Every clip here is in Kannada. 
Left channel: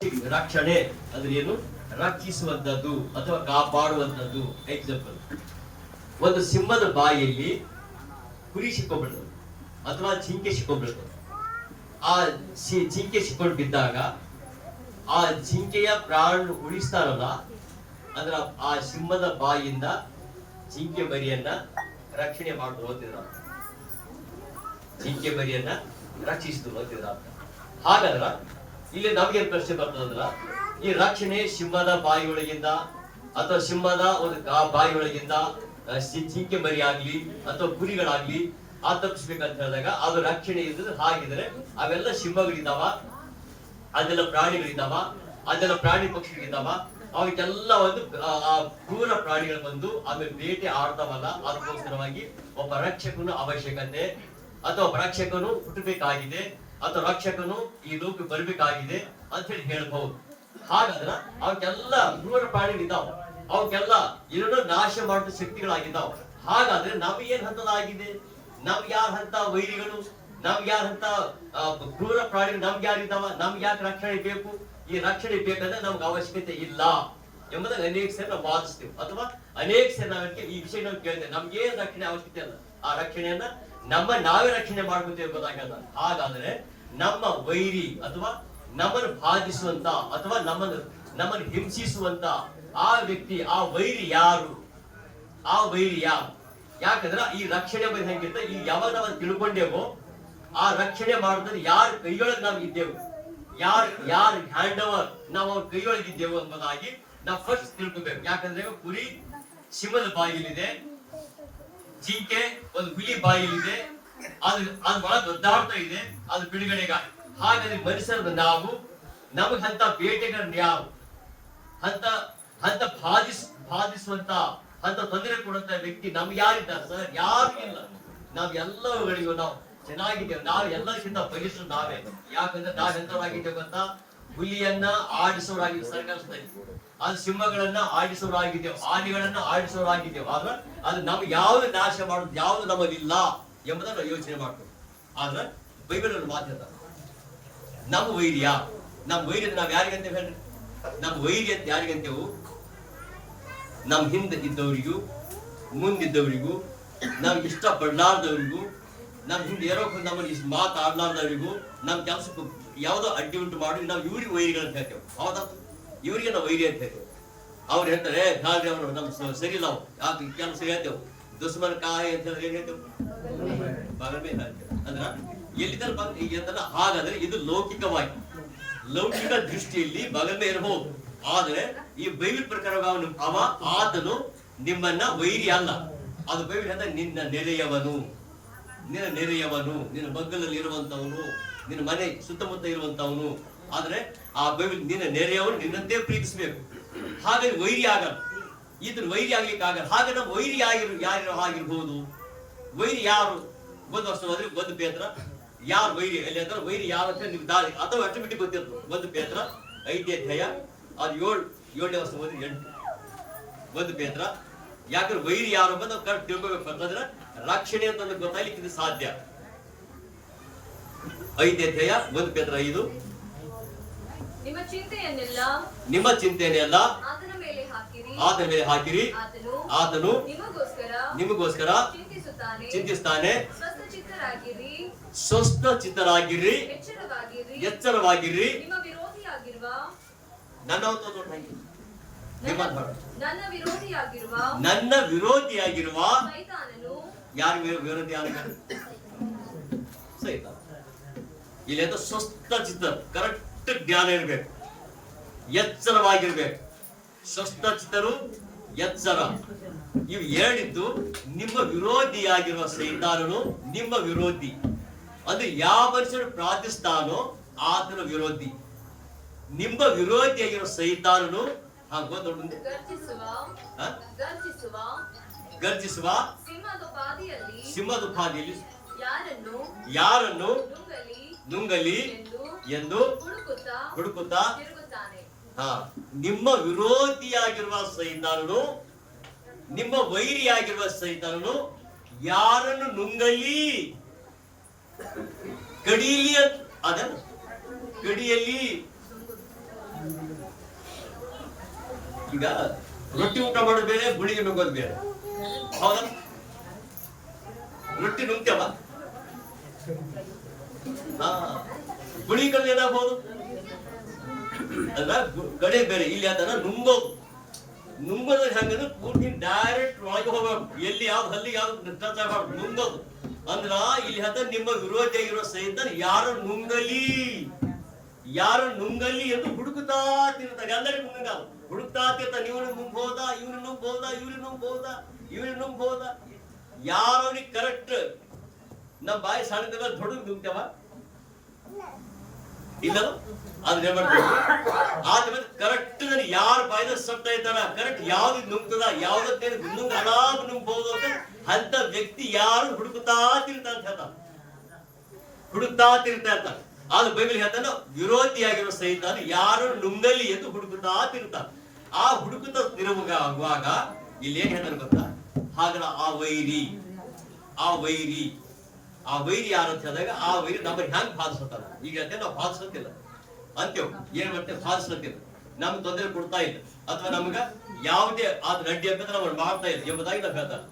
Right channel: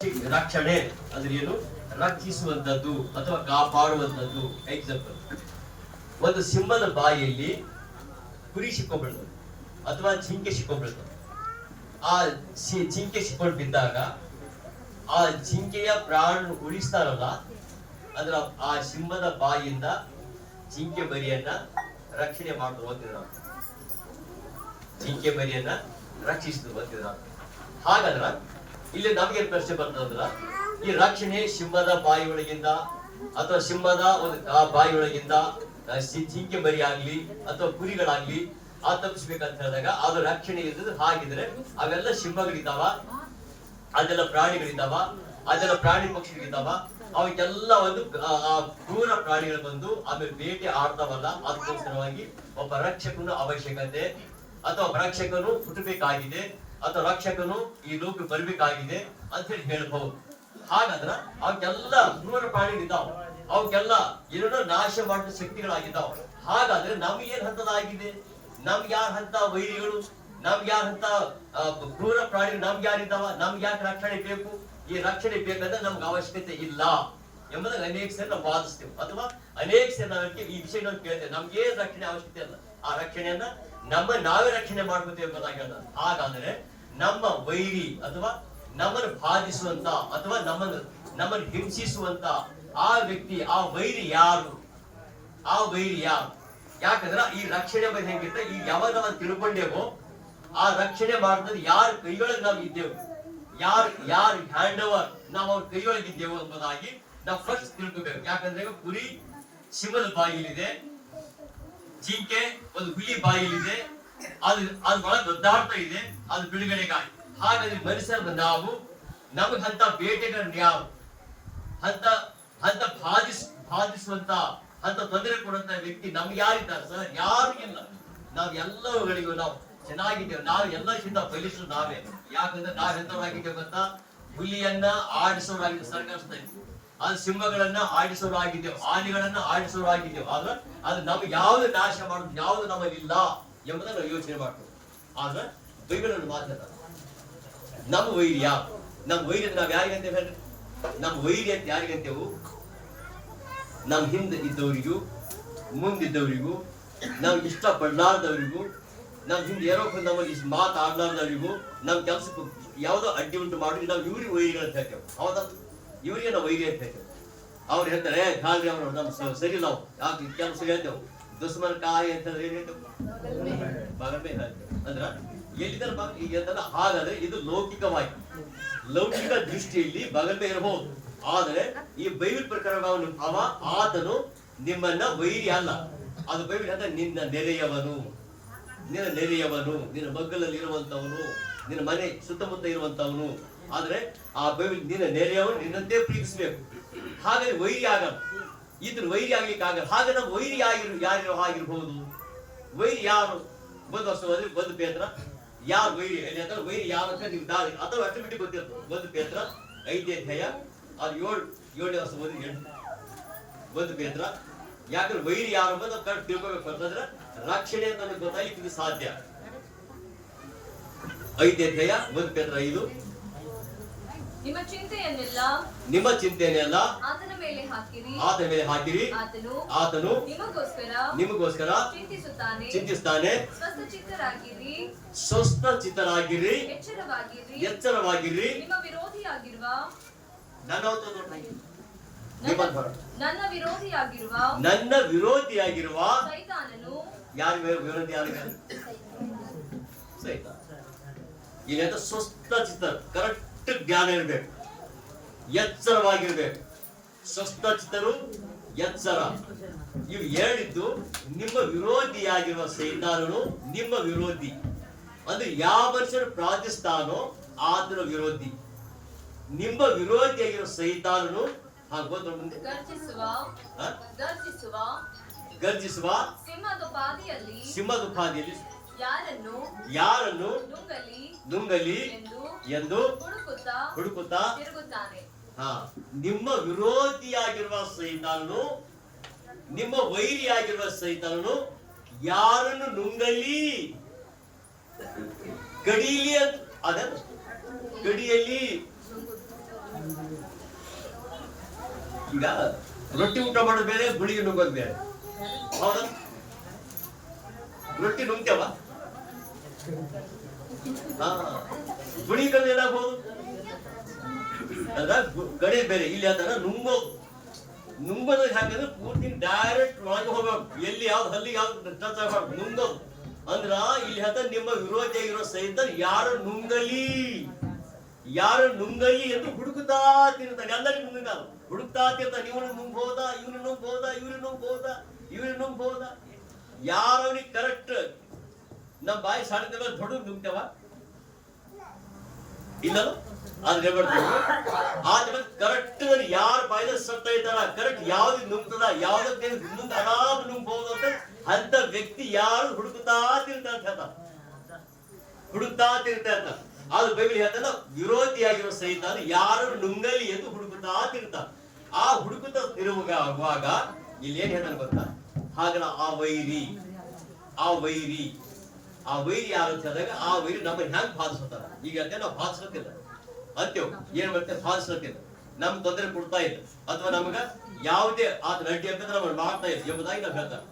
ರಕ್ಷಣೆ ಅಂದ್ರೆ ಏನು? ರಕ್ಷಿಸುವಂತದ್ದು ಅಥವಾ ಕಾಪಾಡುವಂತದ್ದು. ಎಕ್ಸಾಂಪಲ್, ಒಂದು ಸಿಂಹದ ಬಾಯಿಯಲ್ಲಿ ಕುರಿ ಸಿಕ್ಕೊಂಡ್ಬಿಡ್ತದೆ ಅಥವಾ ಜಿಂಕೆ ಸಿಕ್ಕೊಂಡ್ಬಿಡ್ತದೆ. ಆ ಜಿಂಕೆ ಸಿಕ್ಕೊಂಡು ಬಿದ್ದಾಗ ಆ ಜಿಂಕೆಯ ಪ್ರಾಣ ಉಳಿಸ್ತಾರಲ್ಲ, ಅಂದ್ರ ಆ ಸಿಂಹದ ಬಾಯಿಯಿಂದ ಜಿಂಕೆ ಮರಿಯನ್ನ ರಕ್ಷಣೆ ಮಾಡುದು ಅಂತಿದ್ರ, ಜಿಂಕೆ ಮರಿಯನ್ನ ರಕ್ಷಿಸುದು ಅಂತಿದ್ರ. ಹಾಗಾದ್ರ ಇಲ್ಲಿ ನಮ್ಗೆ ಪ್ರಶ್ನೆ ಬರ್ತದಂದ್ರ, ಈ ರಕ್ಷಣೆ ಸಿಂಹದ ಬಾಯಿ ಒಳಗಿಂದ ಅಥವಾ ಸಿಂಹದ ಒಂದು ಬಾಯಿ ಒಳಗಿಂದ ಜಿಂಕೆ ಮರಿ ಆಗ್ಲಿ ಅಥವಾ ಕುರಿಗಳಾಗ್ಲಿ ತಪ್ಪಿಸ್ಬೇಕಂತ ಹೇಳಿದಾಗ ಅದು ರಕ್ಷಣೆ ಇದ್ದದ್ದು. ಹಾಗಿದ್ರೆ ಅವೆಲ್ಲ ಸಿಂಹಗಳಿದ್ದಾವ, ಅದೆಲ್ಲ ಪ್ರಾಣಿಗಳಿದ್ದಾವ, ಅದೆಲ್ಲ ಪ್ರಾಣಿ ಪಕ್ಷಿಗಳಿದ್ದಾವ. ಅವಕ್ಕೆಲ್ಲ ಒಂದು ಕ್ರೂರ ಪ್ರಾಣಿಗಳು ಬಂದು ಆಮೇಲೆ ಬೇಟೆ ಆಡ್ತಾವಲ್ಲ, ಅದಕ್ಕೋಸ್ಕರವಾಗಿ ಒಬ್ಬ ರಕ್ಷಕನು ಅವಶ್ಯಕತೆ ಅಥವಾ ಒಬ್ಬ ರಕ್ಷಕನು ಹುಟ್ಟಬೇಕಾಗಿದೆ ಅಥವಾ ರಕ್ಷಕನು ಈ ಲೋಕ ಬರ್ಬೇಕಾಗಿದೆ ಅಂತ ಹೇಳಿ ಹೇಳ್ಬಹುದು. ಹಾಗಾದ್ರ ಅವಕ್ಕೆಲ್ಲ ಕ್ರೂರ ಪ್ರಾಣಿಗಳಿದ್ದಾವ, ಅವಕ್ಕೆಲ್ಲ ಏನೋ ನಾಶ ಮಾಡಿದ ಶಕ್ತಿಗಳಾಗಿದ್ದಾವ. ಹಾಗಾದ್ರೆ ನಮ್ಗೇನ್ ಹಂತದಾಗಿದೆ? ನಮ್ಗೆ ಯಾರ ಹಂತ ವೈರಿಗಳು, ನಮ್ಗೆ ಯಾರ ಹಂತ ಕ್ರೂರ ಪ್ರಾಣಿಗಳು ನಮ್ಗೆ ಯಾರಿದ್ದಾವ? ನಮ್ಗೆ ಯಾಕೆ ರಕ್ಷಣೆ ಬೇಕು? ಈ ರಕ್ಷಣೆ ಬೇಕಂದ್ರೆ ನಮ್ಗೆ ಅವಶ್ಯಕತೆ ಇಲ್ಲ ಎಂಬುದಾಗಿ ಅನೇಕ ಸೇರಿ ನಾವು ವಾದಿಸ್ತೇವೆ, ಅಥವಾ ಅನೇಕ ಸೇರಿ ನಾವ್ ಈ ವಿಷಯ ನಾವು ಕೇಳ್ತೇವೆ. ನಮ್ಗೆ ರಕ್ಷಣೆ ಅವಶ್ಯಕತೆ ಅಲ್ಲ, ಆ ರಕ್ಷಣೆಯನ್ನ ನಾವೇ ರಕ್ಷಣೆ ಮಾಡ್ಕೊತೇವೆ ಗೊತ್ತಾಗಲ್ಲ. ಹಾಗಾದ್ರೆ ನಮ್ಮ ವೈರಿ ಅಥವಾ ನಮ್ಮನ್ನು ಬಾಧಿಸುವಂತ ಅಥವಾ ನಮ್ಮನ್ನು ಹಿಂಸಿಸುವಂತ ಆ ವ್ಯಕ್ತಿ, ಆ ವೈರಿ ಯಾರು? ಆ ವೈರಿ ಯಾರು? ಯಾಕಂದ್ರೆ ಈ ರಕ್ಷಣೆ ಬಗ್ಗೆ ಹೆಂಗಿತ್ತ, ಈ ಯಾವಾಗ ನಾವು ತಿಳ್ಕೊಂಡೇವೋ ಆ ರಕ್ಷಣೆ ಮಾಡಿದ್ರೆ ಯಾರ ಕೈಯೊಳಗೆ ನಾವು ಇದ್ದೇವೆ, ಯಾರ ಹ್ಯಾಂಡ್ ಓವರ್ ನಾವು ಅವ್ರ ಕೈಯೊಳಗಿದ್ದೇವೆ ಎಂಬುದಾಗಿ ನಾವು ಫಸ್ಟ್ ತಿಳ್ಕೊಬೇಕು. ಯಾಕಂದ್ರೆ ಕುರಿ ಸಿಂಹದ ಬಾಯಿಲಿದೆ, ಜಿಂಕೆ ಒಂದು ಹುಲಿ ಬಾಯಿಲಿದೆ, ಅದು ಒಳಗೆ ಒದ್ದಾಡ್ತಾ ಇದೆ, ಅದು ಬಿಡುಗಡೆಗಾಗಿ. ಹಾಗಾದ್ರೆ ಮನುಷ್ಯರ ನಾವು ನಮಗಂತ ಬೇಟೆಗಾರನ್ ಯಾರು? ಅಂತ ಬಾಧಿಸುವಂತ ಅಂತ ತೊಂದರೆ ಕೊಡುವಂತ ವ್ಯಕ್ತಿ ನಮ್ಗೆ ಯಾರಿದ್ದಾರೆ ಸರ್? ಯಾರು ಇಲ್ಲ. ನಾವ್ ಎಲ್ಲಗಳಿಗೂ ನಾವು ಚೆನ್ನಾಗಿದ್ದೇವೆ, ನಾವು ಎಲ್ಲಕ್ಕಿಂತ ಬಲಿಷ್ಠರು ನಾವೇ. ಯಾಕಂದ್ರೆ ನಾವ್ ಎಂತವರಾಗಿದ್ದೇವೆ ಗೊತ್ತಾ? ಹುಲಿಯನ್ನ ಆಡಿಸೋರಾಗಿದ್ದೇವೆ ಸರ್ಕಾರ, ಅದು ಸಿಂಹಗಳನ್ನ ಆಡಿಸೋರಾಗಿದ್ದೇವೆ, ಆನೆಗಳನ್ನ ಆಡಿಸೋರಾಗಿದ್ದೇವೆ. ಆದ್ರೆ ಅದು ನಮ್ಗೆ ಯಾವ್ದು ನಾಶ ಮಾಡುದು, ಯಾವ್ದು ನಮ್ಮಲ್ಲಿಲ್ಲ ಎಂಬುದನ್ನ ನಾವು ಯೋಚನೆ ಮಾಡ್ತೇವೆ. ಆದ್ರೆ ಬೈಬಲ್ ಅಲ್ಲಿ ಮಾತಾಡ್ತಾರೆ, ನಮ್ಮ ವೈರ್ಯ, ನಮ್ಮ ವೈರ್ಯ ನಾವ್ ಯಾರಿಗಂತೇವೆ ಹೇಳ್ರಿ? ನಮ್ಮ ವೈರ್ಯ ಅಂತ ಯಾರಿಗಂತೇವು? ನಮ್ ಹಿಂದೆ ಇದ್ದವರಿಗೂ, ಮುಂದಿದ್ದವರಿಗೂ, ನಾವ್ ಇಷ್ಟ ಪಡ್ಲಾರ್ದವರಿಗೂ, ನಮ್ ಹಿಂದೆ ಏನೋ ನಮ್ಮಲ್ಲಿ ಮಾತಾಡ್ಲಾರ್ದವರಿಗೂ, ನಮ್ ಕೆಲ್ಸಕ್ಕೂ ಯಾವ್ದೋ ಅಡ್ಡಿ ಉಂಟು ಮಾಡಿ ನಾವು ಇವ್ರಿಗೆ ವೈರಿಗಳಂತ ಹೇಳ್ತೇವೆ. ಹೌದಾ? ಇವರಿಗೆ ನಾವು ವೈರಿ ಅಂತ ಹೇಳ್ತೇವೆ. ಅವ್ರು ಹೇಳ್ತಾರೆ ಹಾಗೆ ಅವ್ರು ನಮ್ ಸರಿ ಇಲ್ಲ, ಯಾಕೆ ಕೆಲಸ ಹೇಳ್ತೇವೆ ದುಶ್ಮನ ಕಾಯಿ ಅಂತ ಹೇಳಿದ್ರೆ ಏನ್ ಹೇಳ್ತೇವೆ? ಬಗಮೆ ಹೇಳ್ತೇವೆ. ಅಂದ್ರ ಎಲ್ಲಿದ್ದಾರೆ? ಹಾಗಾದ್ರೆ ಇದು ಲೌಕಿಕವಾಗಿ, ಲೌಕಿಕ ದೃಷ್ಟಿಯಲ್ಲಿ ಬಗಮೆ ಇರಬಹುದು. ಆದರೆ ಈ ಬೈಬಲ್ ಪ್ರಕಾರ ಆತನು ನಿಮ್ಮನ್ನ ವೈರಿ ಅಲ್ಲ. ಅದು ಬೈಬಲ್ ಹೇಳ್ತಾರೆ ನಿನ್ನ ನೆರೆಯವನು, ನಿನ್ನ ಮಗ್ಗಲಲ್ಲಿ ಇರುವಂತವನು, ನಿನ್ನ ಮನೆ ಸುತ್ತಮುತ್ತ ಇರುವಂತವನು. ಆದ್ರೆ ಆ ಬೈಬಲ್ ನಿನ್ನ ನೆರೆಯವನು ನಿನ್ನಂತೆ ಪ್ರೀತಿಸಬೇಕು. ಹಾಗಾಗಿ ವೈರಿ ಆಗಲ್ಲ, ಇದನ್ನ ವೈರಿ ಆಗ್ಲಿಕ್ಕೆ ಆಗಲ್ಲ. ಹಾಗೆ ನಾವು ವೈರಿ ಯಾರು ಆಗಿರ್ಬೋದು? ವೈರಿ ಯಾರು? ಒಂದು ವರ್ಷ ಹೋದ್ರೆ ಒಂದು ಪೇತ್ರ ಯಾರು ವೈರಿ ಎಲ್ಲಿ ಅಂದ್ರೆ ವೈರಿ ಯಾರು ಅಂತ ನೀವು ದಾರಿ ಅಥವಾ ಆಟೋಮೆಟಿಕ್ ಗೊತ್ತಿರ್ತದೆ. ಒಂದು ಪೇತ್ರ 5ನೇ ಅಧ್ಯಾಯ ಅದು 7ನೇ ವರ್ಷ ಹೋದ್ರೆ 8 ಒಂದು ಪೇತ್ರ. ಯಾಕಂದ್ರೆ ವೈರಿ ಯಾರು ಅಂತ ನಾವು ಕರೆಕ್ಟ್ ತಿಳ್ಕೋಬೇಕು. ಅಂತಂದ್ರೆ ರಕ್ಷಣೆ ಅಂತ ನಮಗೆ ಗೊತ್ತಾಗ್ಲಿಕ್ಕೆ ಇದು ಸಾಧ್ಯ. 5ನೇ ಅಧ್ಯಾಯ 1 ಪೇತ್ರ 5. ನಿಮ್ಮ ಚಿಂತೆಯನ್ನೆಲ್ಲ ಆತನ ಮೇಲೆ ಹಾಕಿರಿ, ಆತನು ನಿಮಗೋಸ್ಕರ ಚಿಂತಿಸುತ್ತಾನೆ. ಸ್ವಸ್ಥ ಚಿತ್ತರಾಗಿರಿ, ಎಚ್ಚರವಾಗಿರಿ. ನನ್ನ ವಿರೋಧಿಯಾಗಿರುವ ಯಾರು ವಿರೋಧಿ ಆಗಿದ್ದಾರೆ? ಸೈತಾನ. ಇಲ್ಲಿ ಸ್ವಸ್ಥ ಚಿತ್ತ, ಕರೆಕ್ಟ್ ಜ್ಞಾನ ಇರ್ಬೇಕು, ಎಚ್ಚರವಾಗಿರ್ಬೇಕು. ಸ್ವಸ್ಥ ಚಿತ್ತರು, ಎಚ್ಚರ, ಇವು ಹೇಳಿದ್ದು ನಿಮ್ಮ ವಿರೋಧಿಯಾಗಿರುವ ಸೈತಾನನು ನಿಮ್ಮ ವಿರೋಧಿ. ಅಂದ್ರೆ ಯಾವ ಮನುಷ್ಯನು ಪ್ರಾರ್ಥಿಸ್ತಾನೋ ಆತನ ವಿರೋಧಿ. ನಿಮ್ಮ ವಿರೋಧಿಯಾಗಿರುವ ಸೈತಾನನು ಗರ್ಜಿಸುವ ಸಿಂಹದೋಪಾದಿಯಲ್ಲಿ ಯಾರನ್ನು ನುಂಗಲಿ ಎಂದು ಹುಡುಕುತ್ತಾ ನಿಮ್ಮ ವಿರೋಧಿಯಾಗಿರುವ ಸೈತಾನನು, ನಿಮ್ಮ ವೈರಿಯಾಗಿರುವ ಸೈತಾನನು ಯಾರನ್ನು ನುಂಗಲಿ, ಕಡಿಲಿ, ಅದನ್ನು ಕಡಿಯಲ್ಲಿ ಈಗ ರೊಟ್ಟಿ ಊಟ ಮಾಡೋದು ಬೇರೆ, ಗುಳಿಗೆ ನುಂಗೋದು ಬೇರೆ. ಹೌದಾ? ರೊಟ್ಟಿ ನುಂಗ್ತೇವ, ಗುಳಿಗೆ ಕಳೆದು ಏನಾಗ್ಬೋದು ಅಂದ್ರ ಗಡಿ ಬೇರೆ. ಇಲ್ಲಿ ಅದನ್ನ ನುಂಗೋದು ಹೆಂಗಂದ್ರೆ ಪೂರ್ತಿ ಡೈರೆಕ್ಟ್ ಒಳಗೆ ಹೋಗ್ಬೇಕು, ಎಲ್ಲಿ ಯಾವ್ದು ಹಲ್ಲಿಗೆ ಯಾವ್ದು ಟಚ್ ಆಗಬಾರ್ದು, ನುಂಗೋದು. ಅಂದ್ರ ಇಲ್ಲಿ ಹತ್ತ ನಿಮ್ಮ ವಿರೋಧಿ ಇರೋ ಸಹಿತ ಯಾರು ನುಂಗಲಿ ಎಂದು ಹುಡುಕುತ್ತಾ ತಿರ್ತಾನೆ. ಎಲ್ಲರಿಗೂ ನುಂಗಲ್ಲ, ಹುಡುಕ್ತಾ ತಿರ್ತಾನೆ. ಇವನು ನುಂಗ್ಬೋದಾ, ಇವನು ನುಂಗ್ಬೋದಾ, ಇವ್ರು ನುಂಗ್ಬೋದಾ. ಯಾರವನಿಗೆ ಕರೆಕ್ಟ್ ನಮ್ ಬಾಯಿ ಸಾಲಿದಾಗ ದೊಡ್ಡ ನುಂಗ್ತೇವ ಇಲ್ಲಲ್ಲ, ಆದ್ರೆ ಮಾಡ್ತೇವೆ ಆದ್ಮೇಲೆ ಕರೆಕ್ಟ್ ಯಾರ ಬಾಯಿನ ಸತ್ತ ಇದ್ದಾರ, ಕರೆಕ್ಟ್ ಯಾವ್ದು ನುಂಗ್ತದ, ಯಾವ್ದಕ್ಕೆ ಆರಾಮ್ ನುಂಗ್ಬಹುದು ಅಂತ ವ್ಯಕ್ತಿ ಯಾರು ಹುಡುಕುತ್ತಾ ತಿರ್ತಾ ಅಂತ ಹೇಳ್ತಾರ, ಹುಡುಕ್ತಾ ತಿರ್ತಾ ಇರ್ತಾರ. ಆದ್ರೆ ಬೈಬಲ್ ಹೇಳ್ತಾನ ವಿರೋಧಿಯಾಗಿರೋ ಸಹಿತ ಯಾರು ನುಂಗಲಿ ಎಂದು ಹುಡುಕುತ್ತಾ ತಿರ್ತಾರ. ಆ ಹುಡುಕುತ್ತಾ ತಿರುಗುವಾಗ ಇಲ್ಲಿ ಏನ್ ಹೇಳ್ತಾನೆ ಗೊತ್ತಾ, ಹಾಗಲ್ಲ ಆ ವೈರಿ ಯಾರು ಅಂತ ಹೇಳಿದಾಗ ಆ ವೈರಿ ನಮ್ಮನ್ನ ಹೆಂಗ್ ಬಾಧಿಸ್ತಾರ. ಈಗ ನಾವು ಬಾಧಿಸ್ಲತ್ತಿಲ್ಲ ಅಂತೇವ್, ಏನ್ ಮತ್ತೆ ಬಾಧಿಸ್ಲತ್ತಿಲ್ಲ, ನಮ್ಗೆ ತೊಂದರೆ ಕೊಡ್ತಾ ಇಲ್ಲ, ಅಥವಾ ನಮ್ಗ ಯಾವುದೇ ಅದ್ರ ಅಡ್ಡಿ ಅಂತ ನಾವು ಮಾಡ್ತಾ ಇಲ್ಲ ಎಂಬುದಾಗಿ ನಾವು ಹೇಳ್ತಾರೆ.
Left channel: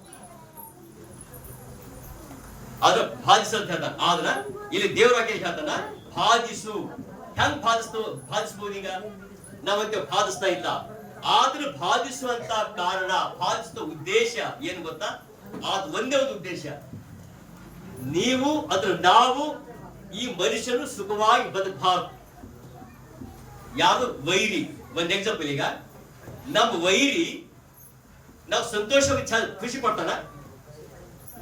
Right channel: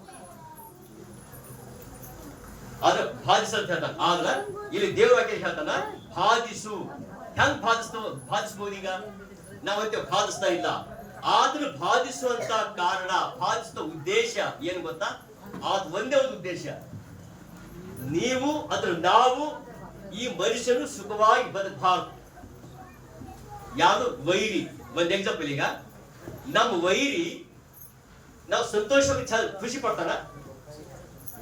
ಆದ್ರ ಬಾಧಿಸಂತ ಹೇಳ್ತಾರ. ಆದ್ರ ಇಲ್ಲಿ ದೇವರಾಗೆ ಹೇಳ್ತಾನ ಬಾಧಿಸು. ಹೆಂಗ್ ಬಾಧಿಸ್ಬೋದು? ಈಗ ನಾವಂತೆ ಬಾಧಿಸ್ತಾ ಇಲ್ಲ, ಆದ್ರೂ ಬಾಧಿಸುವಂತ ಕಾರಣ, ಬಾಧಿಸುವ ಉದ್ದೇಶ ಏನು ಗೊತ್ತಾ? ಅದು ಒಂದೇ ಒಂದು ಉದ್ದೇಶ, ನೀವು ಅಥವಾ ನಾವು ಈ ಮನುಷ್ಯನು ಸುಖವಾಗಿ ಬದುಕಬಾರದು. ಯಾವುದು ವೈರಿ? ಒಂದ್ ಎಕ್ಸಾಂಪಲ್, ಈಗ ನಮ್ಮ ವೈರಿ ನಾವು ಸಂತೋಷವಾಗಿ ಖುಷಿ ಪಡ್ತಾನ,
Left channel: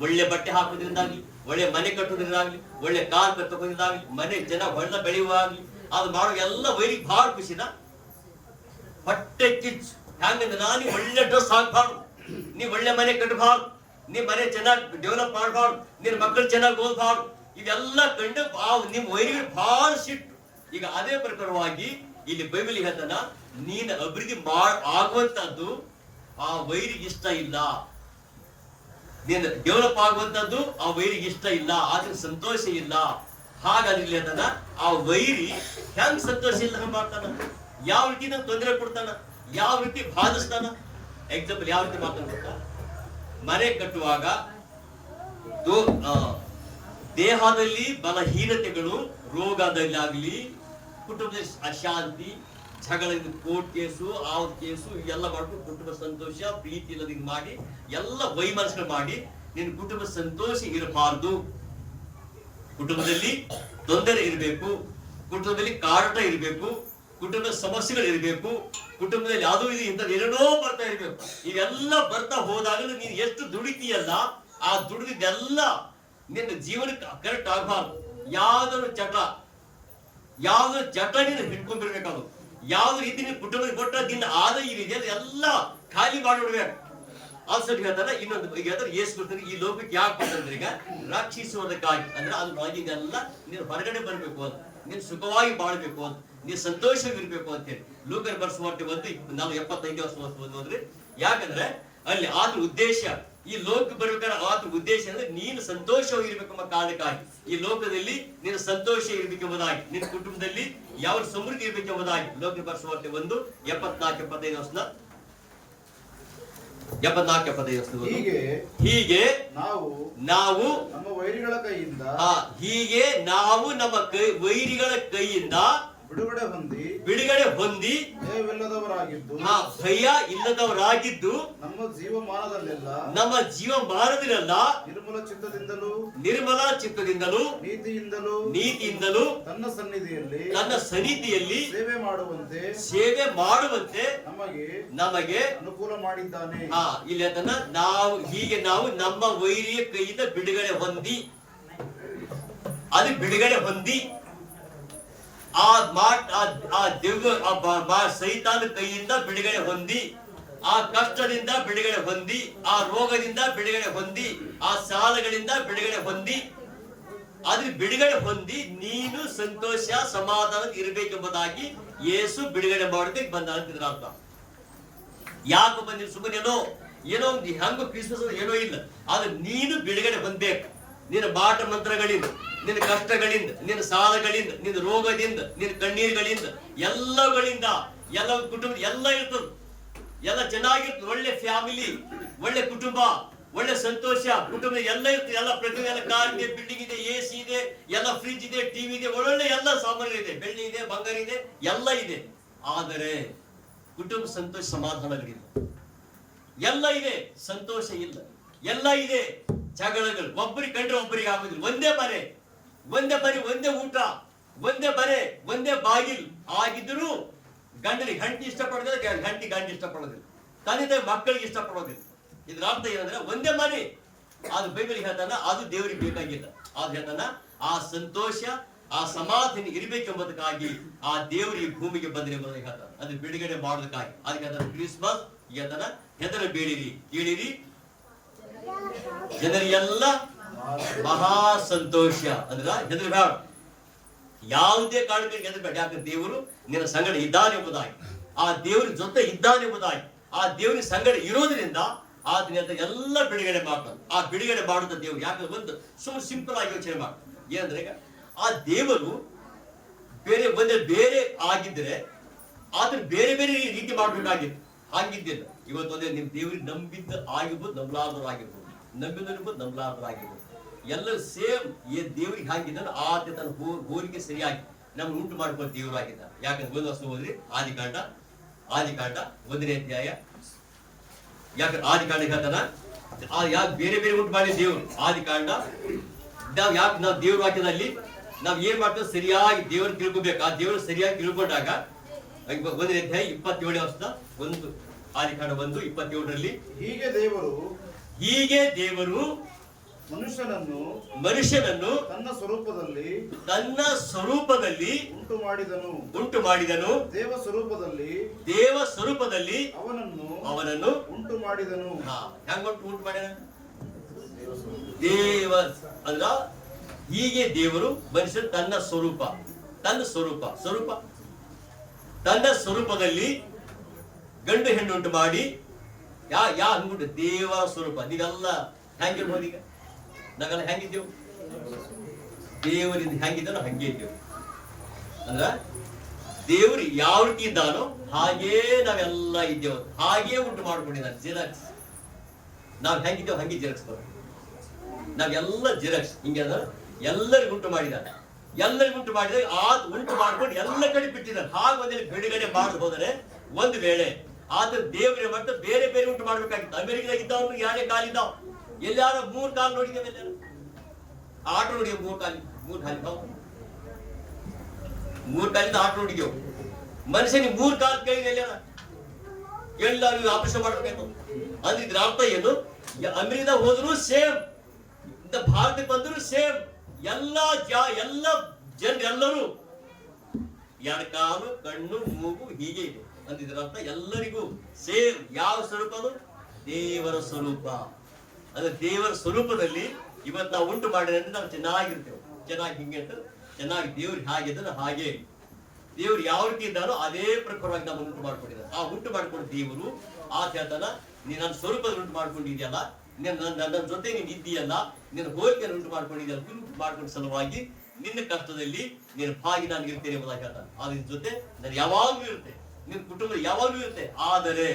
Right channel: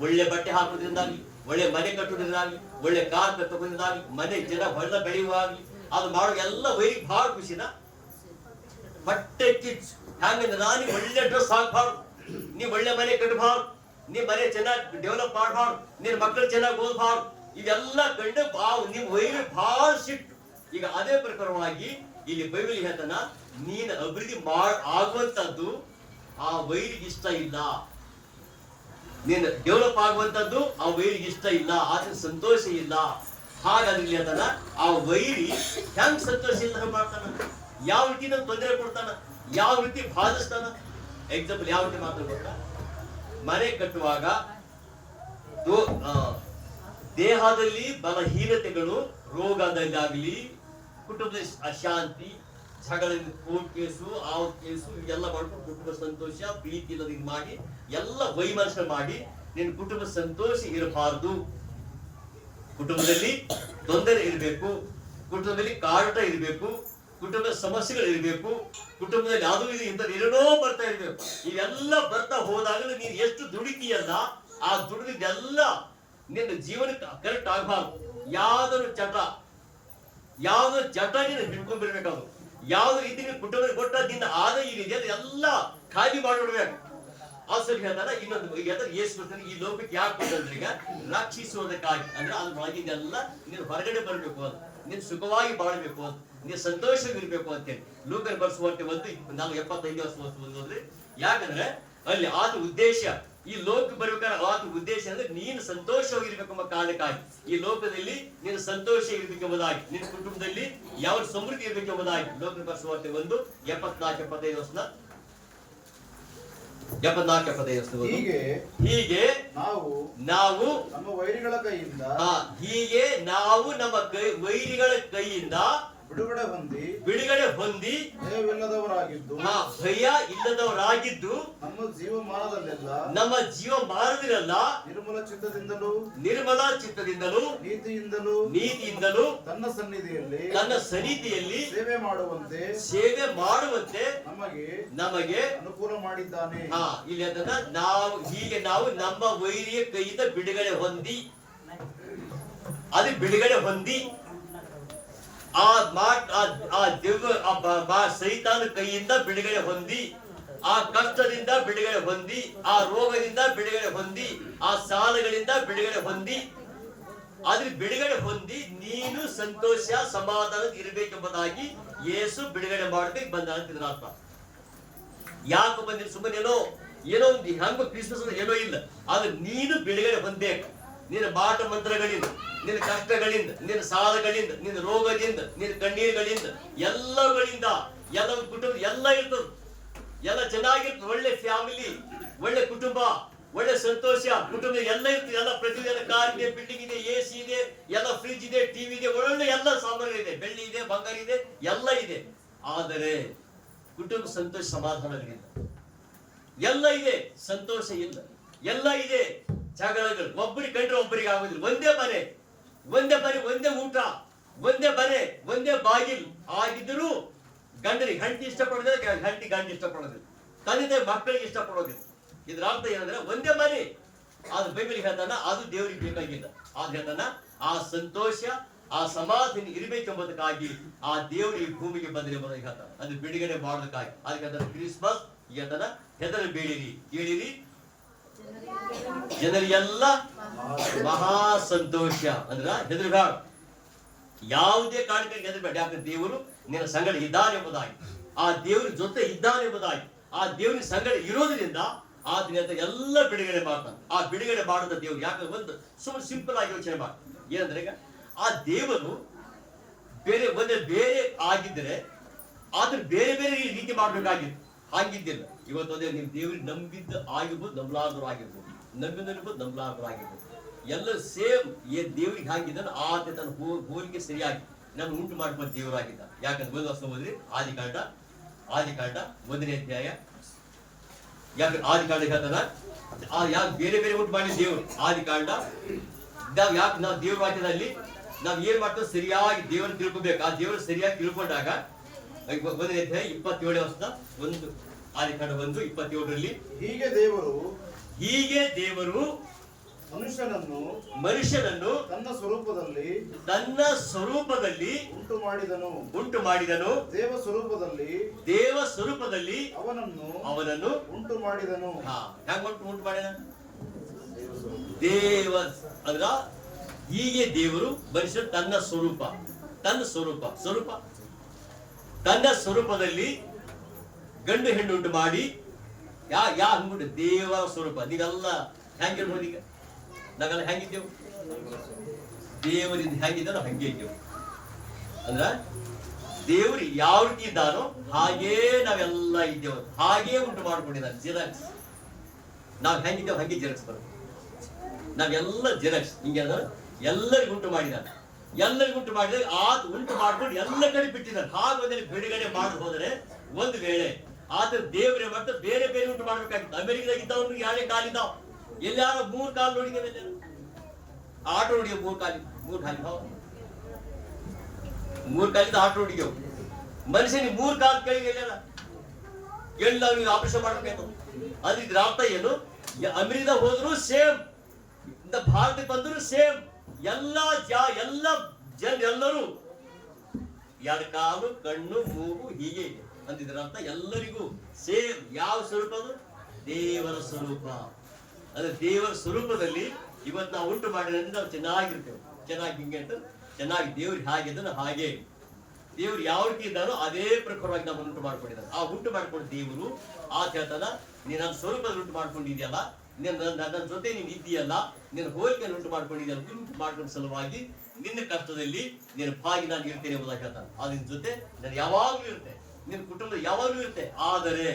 ಒಳ್ಳೆ ಬಟ್ಟೆ ಹಾಕೋದ್ರಿಂದಾಗ್ಲಿ, ಒಳ್ಳೆ ಮನೆ ಕಟ್ಟೋದ್ರಿಂದಾಗ್ಲಿ, ಒಳ್ಳೆ ಕಾರ್ ತಗೋದ್ರಿಂದಾಗ್ಲಿ, ಮನೆ ಜನ ಹೊಡೆದ ಬೆಳೆಯುವಾಗ್ಲಿ, ಅದು ಮಾಡೋ ಎಲ್ಲ ವೈರಿಗೆ ಬಹಳ ಖುಷಿನ. ಹೊಟ್ಟೆ ಕಿಚ್ಚು ಹ್ಯಾಂಗಂದ್ರೆ ನೀ ಒಳ್ಳೆ ಡ್ರೆಸ್ ಹಾಕ್ಬಾರ್ದು, ನೀ ಒಳ್ಳೆ ಮನೆ ಕಟ್ಟಬಾರ್ದು, ನೀ ಮನೆ ಚೆನ್ನಾಗಿ ಡೆವಲಪ್ ಮಾಡಬಾರ್ದು, ನಿನ್ ಮಕ್ಕಳು ಚೆನ್ನಾಗಿ ಓದಬಾರ್ದು, ಇವೆಲ್ಲ ಕಂಡು ನಿಮ್ ವೈರಿಗೆ ಬಹಳ ಸಿಟ್ಟು. ಈಗ ಅದೇ ಪ್ರಕಾರವಾಗಿ ಇಲ್ಲಿ ಬೈಬಲ್ ಹೇಳ್ತಾನ, ನೀನ್ ಅಭಿವೃದ್ಧಿ ಆಗುವಂತದ್ದು ಆ ವೈರಿಗೆ ಇಷ್ಟ ಇಲ್ಲ, ನೀನು ಡೆವಲಪ್ ಆಗುವಂತದ್ದು ಆ ವೈರಿಗೆ ಇಷ್ಟ ಇಲ್ಲ, ಆದ್ರೆ ಸಂತೋಷ ಇಲ್ಲ. ಹಾಗಾದ್ರೆ ಇಲ್ಲಿ ಹೇಳ್ತಾನ ಆ ವೈರಿ ಹೆಂಗ್ ಸಂತೋಷ ಇಲ್ಲ ಮಾಡ್ತಾನ, ಯಾವ ರೀತಿ ನಮ್ಗೆ ತೊಂದರೆ ಕೊಡ್ತಾನ, ಯಾವ ರೀತಿ ಬಾಧಿಸ್ತಾನ. ಎಕ್ಸಾಂಪಲ್ ಯಾವ ರೀತಿ ಮಾಡ್ತಾನ ಗೊತ್ತಾ? ಮನೆ ಕಟ್ಟುವಾಗ ದೇಹದಲ್ಲಿ ಬಲಹೀನತೆಗಳು, ರೋಗದಲ್ಲಾಗ್ಲಿ, ಕುಟುಂಬದ ಅಶಾಂತಿ, ಜಗಳಿಂದ ಕೋರ್ಟ್ ಕೇಸು, ಕೇಸು ಎಲ್ಲ ಮಾಡ್ಕೊಂಡು ಕುಟುಂಬ ಸಂತೋಷ ಪ್ರೀತಿ ಇಲ್ಲದಿಂದ ಮಾಡಿ ಎಲ್ಲ ವೈಮನಸ್ಸು ಮಾಡಿ ನಿನ್ನ ಕುಟುಂಬ ಸಂತೋಷ ಇರಬಾರ್ದು. ಕುಟುಂಬದಲ್ಲಿ ತೊಂದರೆ ಇರಬೇಕು, ಕುಟುಂಬದಲ್ಲಿ ಕಾರಟ ಇರಬೇಕು, ಕುಟುಂಬದ ಸಮಸ್ಯೆಗಳು ಇರಬೇಕು, ಕುಟುಂಬದಲ್ಲಿ ಅದು ಇದು ಇಂಥ ಏನೇನೋ ಬರ್ತಾ ಇರಬೇಕು. ಇವೆಲ್ಲ ಬರ್ತಾ ಹೋದಾಗಲೂ ನೀನು ಎಷ್ಟು ದುಡಿತೀಯಲ್ಲ, ಆ ದುಡಿದೆಲ್ಲ ನಿನ್ನ ಜೀವನಕ್ಕೆ ಕರೆಕ್ಟ್ ಆಗಬಾರ್ದು. ಯಾವ್ದಾದ್ರು ಚಟ ನೀನು ಹಿಡ್ಕೊಂಡಿರ್ಬೇಕಾದ್ರು, ಯಾವ್ದು ರೀತಿ ನೀನು ಕುಟುಂಬಕ್ಕೆ ಕೊಟ್ಟ ನಿನ್ನ ಆದಾಯ ಇದೆಯಲ್ಲ ಎಲ್ಲ ಖಾಲಿ ಮಾಡಿಬಿಡ್ಬೇಕು. ಆ ಸರಿ ಹೇಳ್ತಾರ. ಇನ್ನೊಂದು ಈಗ ಹೇಳ್ತಾರೆ, ಏಸು ಬರ್ತಾರೆ ಈ ಲೋಕಕ್ಕೆ ಯಾಕೆ ಕೊಟ್ಟಂದ್ರೆ ಈಗ ರಕ್ಷಿಸುವುದಕ್ಕಾಗಿ, ಅಂದ್ರೆ ಅದ್ರೊಳಗಿದೆಲ್ಲ ನೀನು ಹೊರಗಡೆ ಬರ್ಬೇಕು ಅಂತ, ನೀನು ಸುಖವಾಗಿ ಬಾಳ್ಬೇಕು ಅಂತ, ನೀನು ಸಂತೋಷವಿರ್ಬೇಕು ಅಂತೇಳಿ ಲೋಕರ್ ಬರ್ಸುವಂತೆ 1:75 ಹೋದ್ರೆ. ಯಾಕಂದ್ರೆ ಅಲ್ಲಿ ಆತ ಉದ್ದೇಶ, ಈ ಲೋಕ ಬರ್ಬೇಕಾದ್ರೆ ಆತ ಉದ್ದೇಶ ಅಂದ್ರೆ ನೀನು ಸಂತೋಷವಾಗಿರ್ಬೇಕೆಂಬ ಕಾರಣಕ್ಕಾಗಿ, ಈ ಲೋಕದಲ್ಲಿ ನೀನು ಸಂತೋಷ ಇರ್ಬೇಕೆಂಬುದಾಗಿ, ನಿನ್ನ ಕುಟುಂಬದಲ್ಲಿ ಯಾವ ಸಮೃದ್ಧಿ ಇರ್ಬೇಕೆಂಬುದಾಗಿ ಲೋಕ ಬರ್ಸುವಂತೆ 1:74-75 ಹೀಗೆ ನಾವು ನಮ್ಮ ವೈರಿಗಳ ಕೈಯಿಂದ ವೈರಿಗಳ ಕೈಯಿಂದ ಬಿಡುಗಡೆ ಹೊಂದಿ ಭಯ ಇಲ್ಲದವರಾಗಿದ್ದು ನಮ್ಮ ಜೀವಮಾನದಲ್ಲೆಲ್ಲ ನಿರ್ಮಲ ಚಿತ್ತದಿಂದಲೂ ನೀತಿಯಿಂದಲೂ ತನ್ನ ಸನ್ನಿಧಿಯಲ್ಲಿ ಸೇವೆ ಮಾಡುವಂತೆ ನಮಗೆ ಅನುಕೂಲ ಮಾಡಿದ್ದಾನೆ. ಇಲ್ಲಿ ಅದನ್ನ ನಾವು ನಮ್ಮ ವೈರಿಯ ಕೈಯಿಂದ ಬಿಡುಗಡೆ ಹೊಂದಿ ಸೈತಾನ ಕೈಯಿಂದ ಬಿಡುಗಡೆ ಹೊಂದಿ, ಆ ಕಷ್ಟದಿಂದ ಬಿಡುಗಡೆ ಹೊಂದಿ, ಆ ರೋಗದಿಂದ ಬಿಡುಗಡೆ ಹೊಂದಿ, ಆ ಸಾಲಗಳಿಂದ ಬಿಡುಗಡೆ ಹೊಂದಿ, ಅದ್ರ ಬಿಡುಗಡೆ ಹೊಂದಿ ನೀನು ಸಂತೋಷ ಸಮಾಧಾನ ಇರಬೇಕೆಂಬುದಾಗಿ ಯೇಸು ಬಿಡುಗಡೆ ಮಾಡೋದಕ್ಕೆ ಬಂದ ಅಂತಿದ್ರ ಅರ್ಥ. ಯಾಕೆ ಬಂದಿಲ್ಲ? ಸುಮ್ಮನೆ ಏನೋ ಒಂದು ಹೆಂಗ ಕ್ರಿಸ್ಮಸ್ ಏನೋ ಇಲ್ಲ, ಆದ್ರೆ ನೀನು ಬಿಡುಗಡೆ ಹೊಂದಬೇಕು. ನಿನ್ನ ಮಾಟ ಮಂತ್ರಗಳಿಂದ, ನಿನ್ನ ಕಷ್ಟಗಳಿಂದ, ನಿನ್ನ ಸಾಲಗಳಿಂದ, ನಿನ್ನ ರೋಗದಿಂದ, ನಿನ್ನ ಕಣ್ಣೀರುಗಳಿಂದ, ಎಲ್ಲಗಳಿಂದ, ಎಲ್ಲ ಕುಟುಂಬ ಎಲ್ಲ ಇರ್ತದೆ. ಎಲ್ಲ ಚೆನ್ನಾಗಿರ್ತದೆ, ಒಳ್ಳೆ ಫ್ಯಾಮಿಲಿ, ಒಳ್ಳೆ ಕುಟುಂಬ, ಒಳ್ಳೆ ಸಂತೋಷ, ಕುಟುಂಬ ಎಲ್ಲ ಇರ್ತದೆ, ಎಲ್ಲ ಪ್ರತಿಯೊಂದು ಎಲ್ಲ ಕಾರ್ ಇದೆ, ಬಿಲ್ಡಿಂಗ್ ಇದೆ, AC ಇದೆ, ಎಲ್ಲ ಫ್ರಿಡ್ಜ್ ಇದೆ, ಟಿವಿ ಇದೆ, ಒಳ್ಳೆ ಎಲ್ಲ ಸಾಮಾನು ಇದೆ, ಬೆಳ್ಳಿ ಇದೆ, ಬಂಗಾರ ಇದೆ, ಎಲ್ಲ ಇದೆ. ಆದರೆ ಕುಟುಂಬ ಸಂತೋಷ ಸಮಾಧಾನಗಳಿಲ್ಲ, ಎಲ್ಲ ಇದೆ ಸಂತೋಷ ಇಲ್ಲ, ಎಲ್ಲ ಇದೆ ಜಗಳಗಳು, ಒಬ್ಬರಿಗೆ ಕಂಡ್ರೆ ಒಬ್ಬರಿಗೆ ಆಗುದಿಲ್ಲ, ಒಂದೇ ಮನೆ, ಒಂದೇ ಊಟ, ಒಂದೇ ಮನೆ, ಒಂದೇ ಬಾಗಿಲು ಆಗಿದ್ರು ಗಂಡನಿಗೆ ಹೆಂಡತಿ ಇಷ್ಟಪಡೋದಿಲ್ಲ, ಹೆಂಡತಿ ಗಂಡ ಇಷ್ಟಪಡೋದಿಲ್ಲ, ತಂದೆ ತಾಯಿ ಮಕ್ಕಳಿಗೆ ಇಷ್ಟಪಡೋದಿಲ್ಲ. ಇದ್ರ ಅರ್ಥ ಏನಂದ್ರೆ ಒಂದೇ ಮನೆ. ಅದು ಬೈಬಲ್ ಹೇಳ್ತಾನ ಅದು ದೇವರಿಗೆ ಬೇಕಾಗಿಲ್ಲ. ಅದು ಹೇಳ್ತಾನ ಆ ಸಂತೋಷ ಆ ಸಮಾಧಾನ ಇರಬೇಕೆಂಬುದಕ್ಕಾಗಿ ಆ ದೇವರಿಗೆ ಭೂಮಿಗೆ ಬಂದ್ರೆ ಎಂಬುದಾಗಿ ಹೇಳ್ತಾನೆ. ಅದು ಬಿಡುಗಡೆ ಮಾಡೋದಕ್ಕಾಗಿ. ಅದಕ್ಕೆ ಅದನ್ನ ಕ್ರಿಸ್ಮಸ್ ಹೇಳ್ತಾನ, ಹೆದರಬೇಡಿರಿ, ಕೇಳಿರಿ ಜನರಿಗೆಲ್ಲ ಮಹಾ ಸಂತೋಷ. ಅಂದ್ರ ಹೆದರಬೇಡ, ಯಾವುದೇ ಕಾರಣಕ್ಕೆ ಹೆದರಬೇಡ. ಯಾಕಂದ್ರೆ ದೇವರು ನಿನ್ನ ಸಂಗಡ ಇದ್ದಾನೆ ಎಂಬುದಾಗಿ, ಆ ದೇವರ ಜೊತೆ ಇದ್ದಾನೆ ಎಂಬುದಾಗಿ, ಆ ದೇವರ ಸಂಗಡ ಇರೋದ್ರಿಂದ ಆತನ ಎಲ್ಲ ಬಿಡುಗಡೆ ಮಾಡ್ತಾನೆ. ಆ ಬಿಡುಗಡೆ ಮಾಡುತ್ತ ದೇವರು ಯಾಕಂದ್ರೆ ಒಂದು ಸುಮ್ಮನೆ ಸಿಂಪಲ್ ಆಗಿ ಯೋಚನೆ ಮಾಡಿ ಏನಂದ್ರೆ, ಈಗ ಆ ದೇವರು ಬೇರೆ ಆಗಿದ್ರೆ ಆತನ ಬೇರೆ ಬೇರೆ ರೀತಿ ಮಾಡ್ಬೇಕಾಗಿತ್ತು, ಹಾಗಿದ್ದಿಲ್ಲ. ಇವತ್ತೊಂದೇ ನಿಮ್ ದೇವರಿಗೆ ನಂಬಿದ್ದ ಆಗಿರ್ಬೋದು, ನಂಬಲಾರ್ದ್ರು ಆಗಿರ್ಬೋದು, ನಂಬಿದರ್ಬೋದು, ನಂಬಲಾರ್ದ್ರು ಆಗಿರ್ಬೋದು, ಎಲ್ಲ ಸೇಮ್. ದೇವರಿಗೆ ಹಾಗಿದ್ದಾನೆ ಆತ ತನ್ನ ಹೋಲಿಕೆ ಸರಿಯಾಗಿ ನಮ್ಗೆ ಉಂಟು ಮಾಡ್ಕೊಂಡು ದೇವರು ಆಗಿದ್ದಾನೆ. ಯಾಕಂದ್ರೆ ಒಂದು ವರ್ಷ ಹೋದ್ರಿ ಆದಿಕಾಂಡ 1ನೇ ಅಧ್ಯಾಯ. ಯಾಕಂದ್ರೆ ಆದಿಕಾಂಡ ಹೇಳ್ತಾನ ಯಾಕೆ ಬೇರೆ ಬೇರೆ ಉಂಟು ಮಾಡಿ ದೇವರು. ಆದಿಕಾಂಡ ನಾವು ದೇವ್ರ ವಾಕ್ಯದಲ್ಲಿ ನಾವ್ ಏನ್ ಮಾಡ್ತೇವೆ, ಸರಿಯಾಗಿ ದೇವರು ತಿಳ್ಕೊಬೇಕು. ಆ ದೇವರು ಸರಿಯಾಗಿ ತಿಳ್ಕೊಂಡಾಗ 1ನೇ ಅಧ್ಯಾಯ 27ನೇ ವರ್ಷದ 1 ಆದಿಕಾಂಡ 1:27 ಹೀಗೆ ದೇವರು ಮನುಷ್ಯನನ್ನು ತನ್ನ ಸ್ವರೂಪದಲ್ಲಿ ಉಂಟು ಮಾಡಿದನು. ದೇವ ಸ್ವರೂಪದಲ್ಲಿ ಅವನನ್ನು ಉಂಟು ಮಾಡಿದನು. ಹೆಂಗ ಉಂಟು ಮಾಡ್ಯಾನ? ದೇವ ಅಂದ್ರ ಹೀಗೆ ದೇವರು ಮನುಷ್ಯನು ತನ್ನ ಸ್ವರೂಪದಲ್ಲಿ ಗಂಡು ಹೆಣ್ಣು ಉಂಟು ಮಾಡಿ ಹಂಗುಂಟು ದೇವರ ಸ್ವರೂಪ. ನೀವೆಲ್ಲ ಹೆಂಗಿರ್ಬೋದು? ಈಗ ನಾವೆಲ್ಲ ಹೆಂಗಿದ್ದೇವು? ದೇವರಿಂದ ಹೆಂಗಿದ್ದಾನೋ ಹಂಗೆ ಇದ್ದೇವು. ಅಂದ್ರ ದೇವರು ಯಾವ ರೀತಿ ಇದ್ದಾನೋ ಹಾಗೇ ನಾವೆಲ್ಲ ಇದ್ದೇವೆ, ಹಾಗೇ ಉಂಟು ಮಾಡ್ಕೊಂಡಿದ್ದಾನೆ. ಜಿರಾಕ್ಸ್ ನಾವ್ ಹೆಂಗಿದ್ದೇವೆ ಹಂಗೆ ಜಿರಾಕ್ಸ್ ಬರ್ತದೆ. ನಾವೆಲ್ಲ ಜಿರಾಕ್ಸ್ ಹಿಂಗೆ ಎಲ್ಲರಿಗೂ ಉಂಟು ಮಾಡಿದ್ದಾನೆ. ಎಲ್ಲರಿಗೂ ಉಂಟು ಮಾಡಿದಾಗ ಆತ ಉಂಟು ಮಾಡ್ಕೊಂಡು ಎಲ್ಲ ಕಡೆ ಬಿಟ್ಟಿದ್ದಾನೆ. ಹಾಗೊಂದೇ ಬಿಡುಗಡೆ ಮಾಡಿ ಹೋದರೆ ಒಂದು ವೇಳೆ ಆತ ದೇವರೇ ಮತ್ತೆ ಬೇರೆ ಬೇರೆ ಉಂಟು ಮಾಡ್ಬೇಕಾಗಿತ್ತು. ಅಮೆರಿಕದಾಗ ಇದ್ದವ್ರು ಯಾರೇ ಕಾಲಿದ್ದಾವ, ಎಲ್ಲಾರು 3 ಕಾಲು ನೋಡಿದ್ದೇವೆ, ಎಲ್ಲ ಆಟೋ ನೋಡಿಯೋ 3 ಕಾಲಿಂದ ಆಟೋ ನೋಡಿಯೋ. ಮನುಷ್ಯನಿಗೆ 3 ಕಾಲು ಕೇಳಿಲ್ಲ, ಕೇಳಿಲ್ಲ ನೀವು ಆಪರೇಷನ್ ಮಾಡ್ಬೇಕು. ಅಂದ್ರೆ ಇದ್ರ ಅರ್ಥ ಏನು? ಅಮೆರಿಕದಾಗ ಹೋದ್ರು ಸೇಮ್, ಭಾರತಕ್ಕೆ ಬಂದ್ರು ಸೇಮ್, ಎಲ್ಲ ಜನರೆಲ್ಲರೂ 2 ಕಾಲು, ಕಣ್ಣು, ಮೂಗು ಹೀಗೆ ಇದೆ ಅಂತಿದ್ರ ಅರ್ಥ ಎಲ್ಲರಿಗೂ ಸೇಮ್. ಯಾವ ಸ್ವರೂಪ? ಅದು ದೇವರ ಸ್ವರೂಪ. ಅಂದ್ರೆ ದೇವರ ಸ್ವರೂಪದಲ್ಲಿ ಇವತ್ತು ನಾವು ಉಂಟು ಮಾಡಿದ್ರೆ ನಾವು ಚೆನ್ನಾಗಿರ್ತೇವೆ. ಚೆನ್ನಾಗಿ ಹಿಂಗೆ ಅಂತ ಚೆನ್ನಾಗಿ ದೇವ್ರು ಹಾಗಿದ್ದಾನೆ ಹಾಗೆ ದೇವ್ರು ಯಾವ ರೀತಿ ಇದ್ದಾನೋ ಅದೇ ಪ್ರಕಾರವಾಗಿ ನಮ್ಮನ್ನು ಉಂಟು ಮಾಡ್ಕೊಂಡಿದ್ದಾನೆ. ಆ ಉಂಟು ಮಾಡ್ಕೊಂಡು ದೇವರು ಆತ ಹೇಳ್ತಾನ, ನೀನ್ ನನ್ನ ಸ್ವರೂಪದಲ್ಲಿ ಉಂಟು ಮಾಡ್ಕೊಂಡಿದ್ಯಲ್ಲ, ನನ್ನ ಜೊತೆ ನೀನ್ ಇದ್ದೀಯಲ್ಲ, ನಿನ್ನ ಹೋಲಿಕೆಯನ್ನು ಉಂಟು ಮಾಡ್ಕೊಂಡಿದ್ಯಲ್ಲ, ಉಂಟು ಮಾಡ್ಕೊಂಡ ಸಲುವಾಗಿ ನಿನ್ನ ಕಷ್ಟದಲ್ಲಿ ನಿನ್ನ ಭಾಗಿ ನಾನು ಇರ್ತೇನೆ ಎಂಬುದಾಗಿ ಹೇಳ್ತಾನೆ. ಆ ನಿನ್ನ ಜೊತೆ ನಾನು ಯಾವಾಗ್ಲೂ ಇರ್ತೇನೆ, ನಿನ್ನ ಕುಟುಂಬ ಯಾವಾಗ್ಲೂ ಇರುತ್ತೆ. ಆದರೆ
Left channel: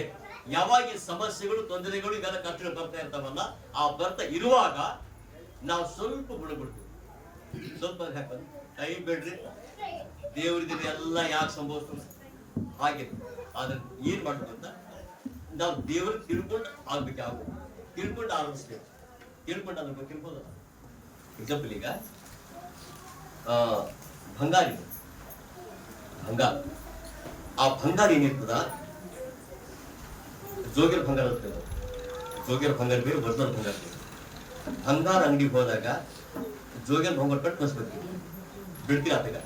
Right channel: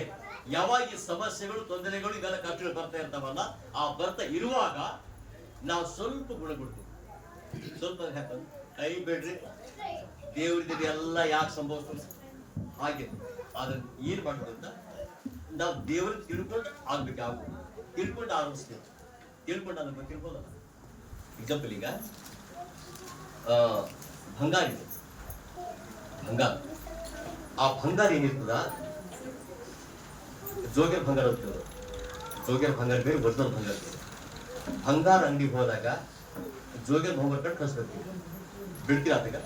ಯಾವಾಗ ಈ ಸಮಸ್ಯೆಗಳು, ತೊಂದರೆಗಳು, ಇವೆಲ್ಲ ಕಷ್ಟಗಳು ಬರ್ತಾ ಇರ್ತಾವಲ್ಲ, ಆ ಬರ್ತಾ ಇರುವಾಗ ನಾವು ಸ್ವಲ್ಪ ಗುಣಗೊಡ್ತೀವಿ. ಸ್ವಲ್ಪ ಹಾಕೊಂಡು ಕೈ ಬಿಡ್ರಿ, ದೇವರಿದ್ರೆ ಎಲ್ಲ ಯಾಕೆ ಸಂಭವಿಸ್ತಲ್ಲ ಹಾಗೆ. ಅದನ್ನ ಏನ್ ಮಾಡ್ಬೇಕು ಅಂತ ನಾವು ದೇವ್ರಿಗೆ ತಿಳ್ಕೊಂಡು ಆಗ್ಬೇಕು. ತಿಳ್ಕೊಂಡು ಆರಂಭಿಸ್ತೇವೆ, ತಿಳ್ಕೊಂಡು ಅದ್ರ ಬಗ್ಗೆ ತಿಳ್ಕೋದಲ್ಲ. ಎಕ್ಸಾಂಪಲ್ ಈಗ ಬಂಗಾರ ಇದೆ, ಆ ಬಂಗಾರ ಏನಿರ್ತದ, ಜೋಗಿರ ಬಂಗಾರ ಅಂತ ಹೇಳೋದು. ಜೋಗಿರ ಬಂಗಾರ ಬೇರೆ, ಒರಿಜಿನಲ್ ಬಂಗಾರ ಬೇರೆ. ಬಂಗಾರ ಅಂಗಡಿಗೆ ಹೋದಾಗ ಜೋಗಿರ ಬಂಗಾರ ಕಟ್ಟು ಕಳಿಸ್ಬೇಕು, ಬಿಡ್ತೀರ ಆತಾಗ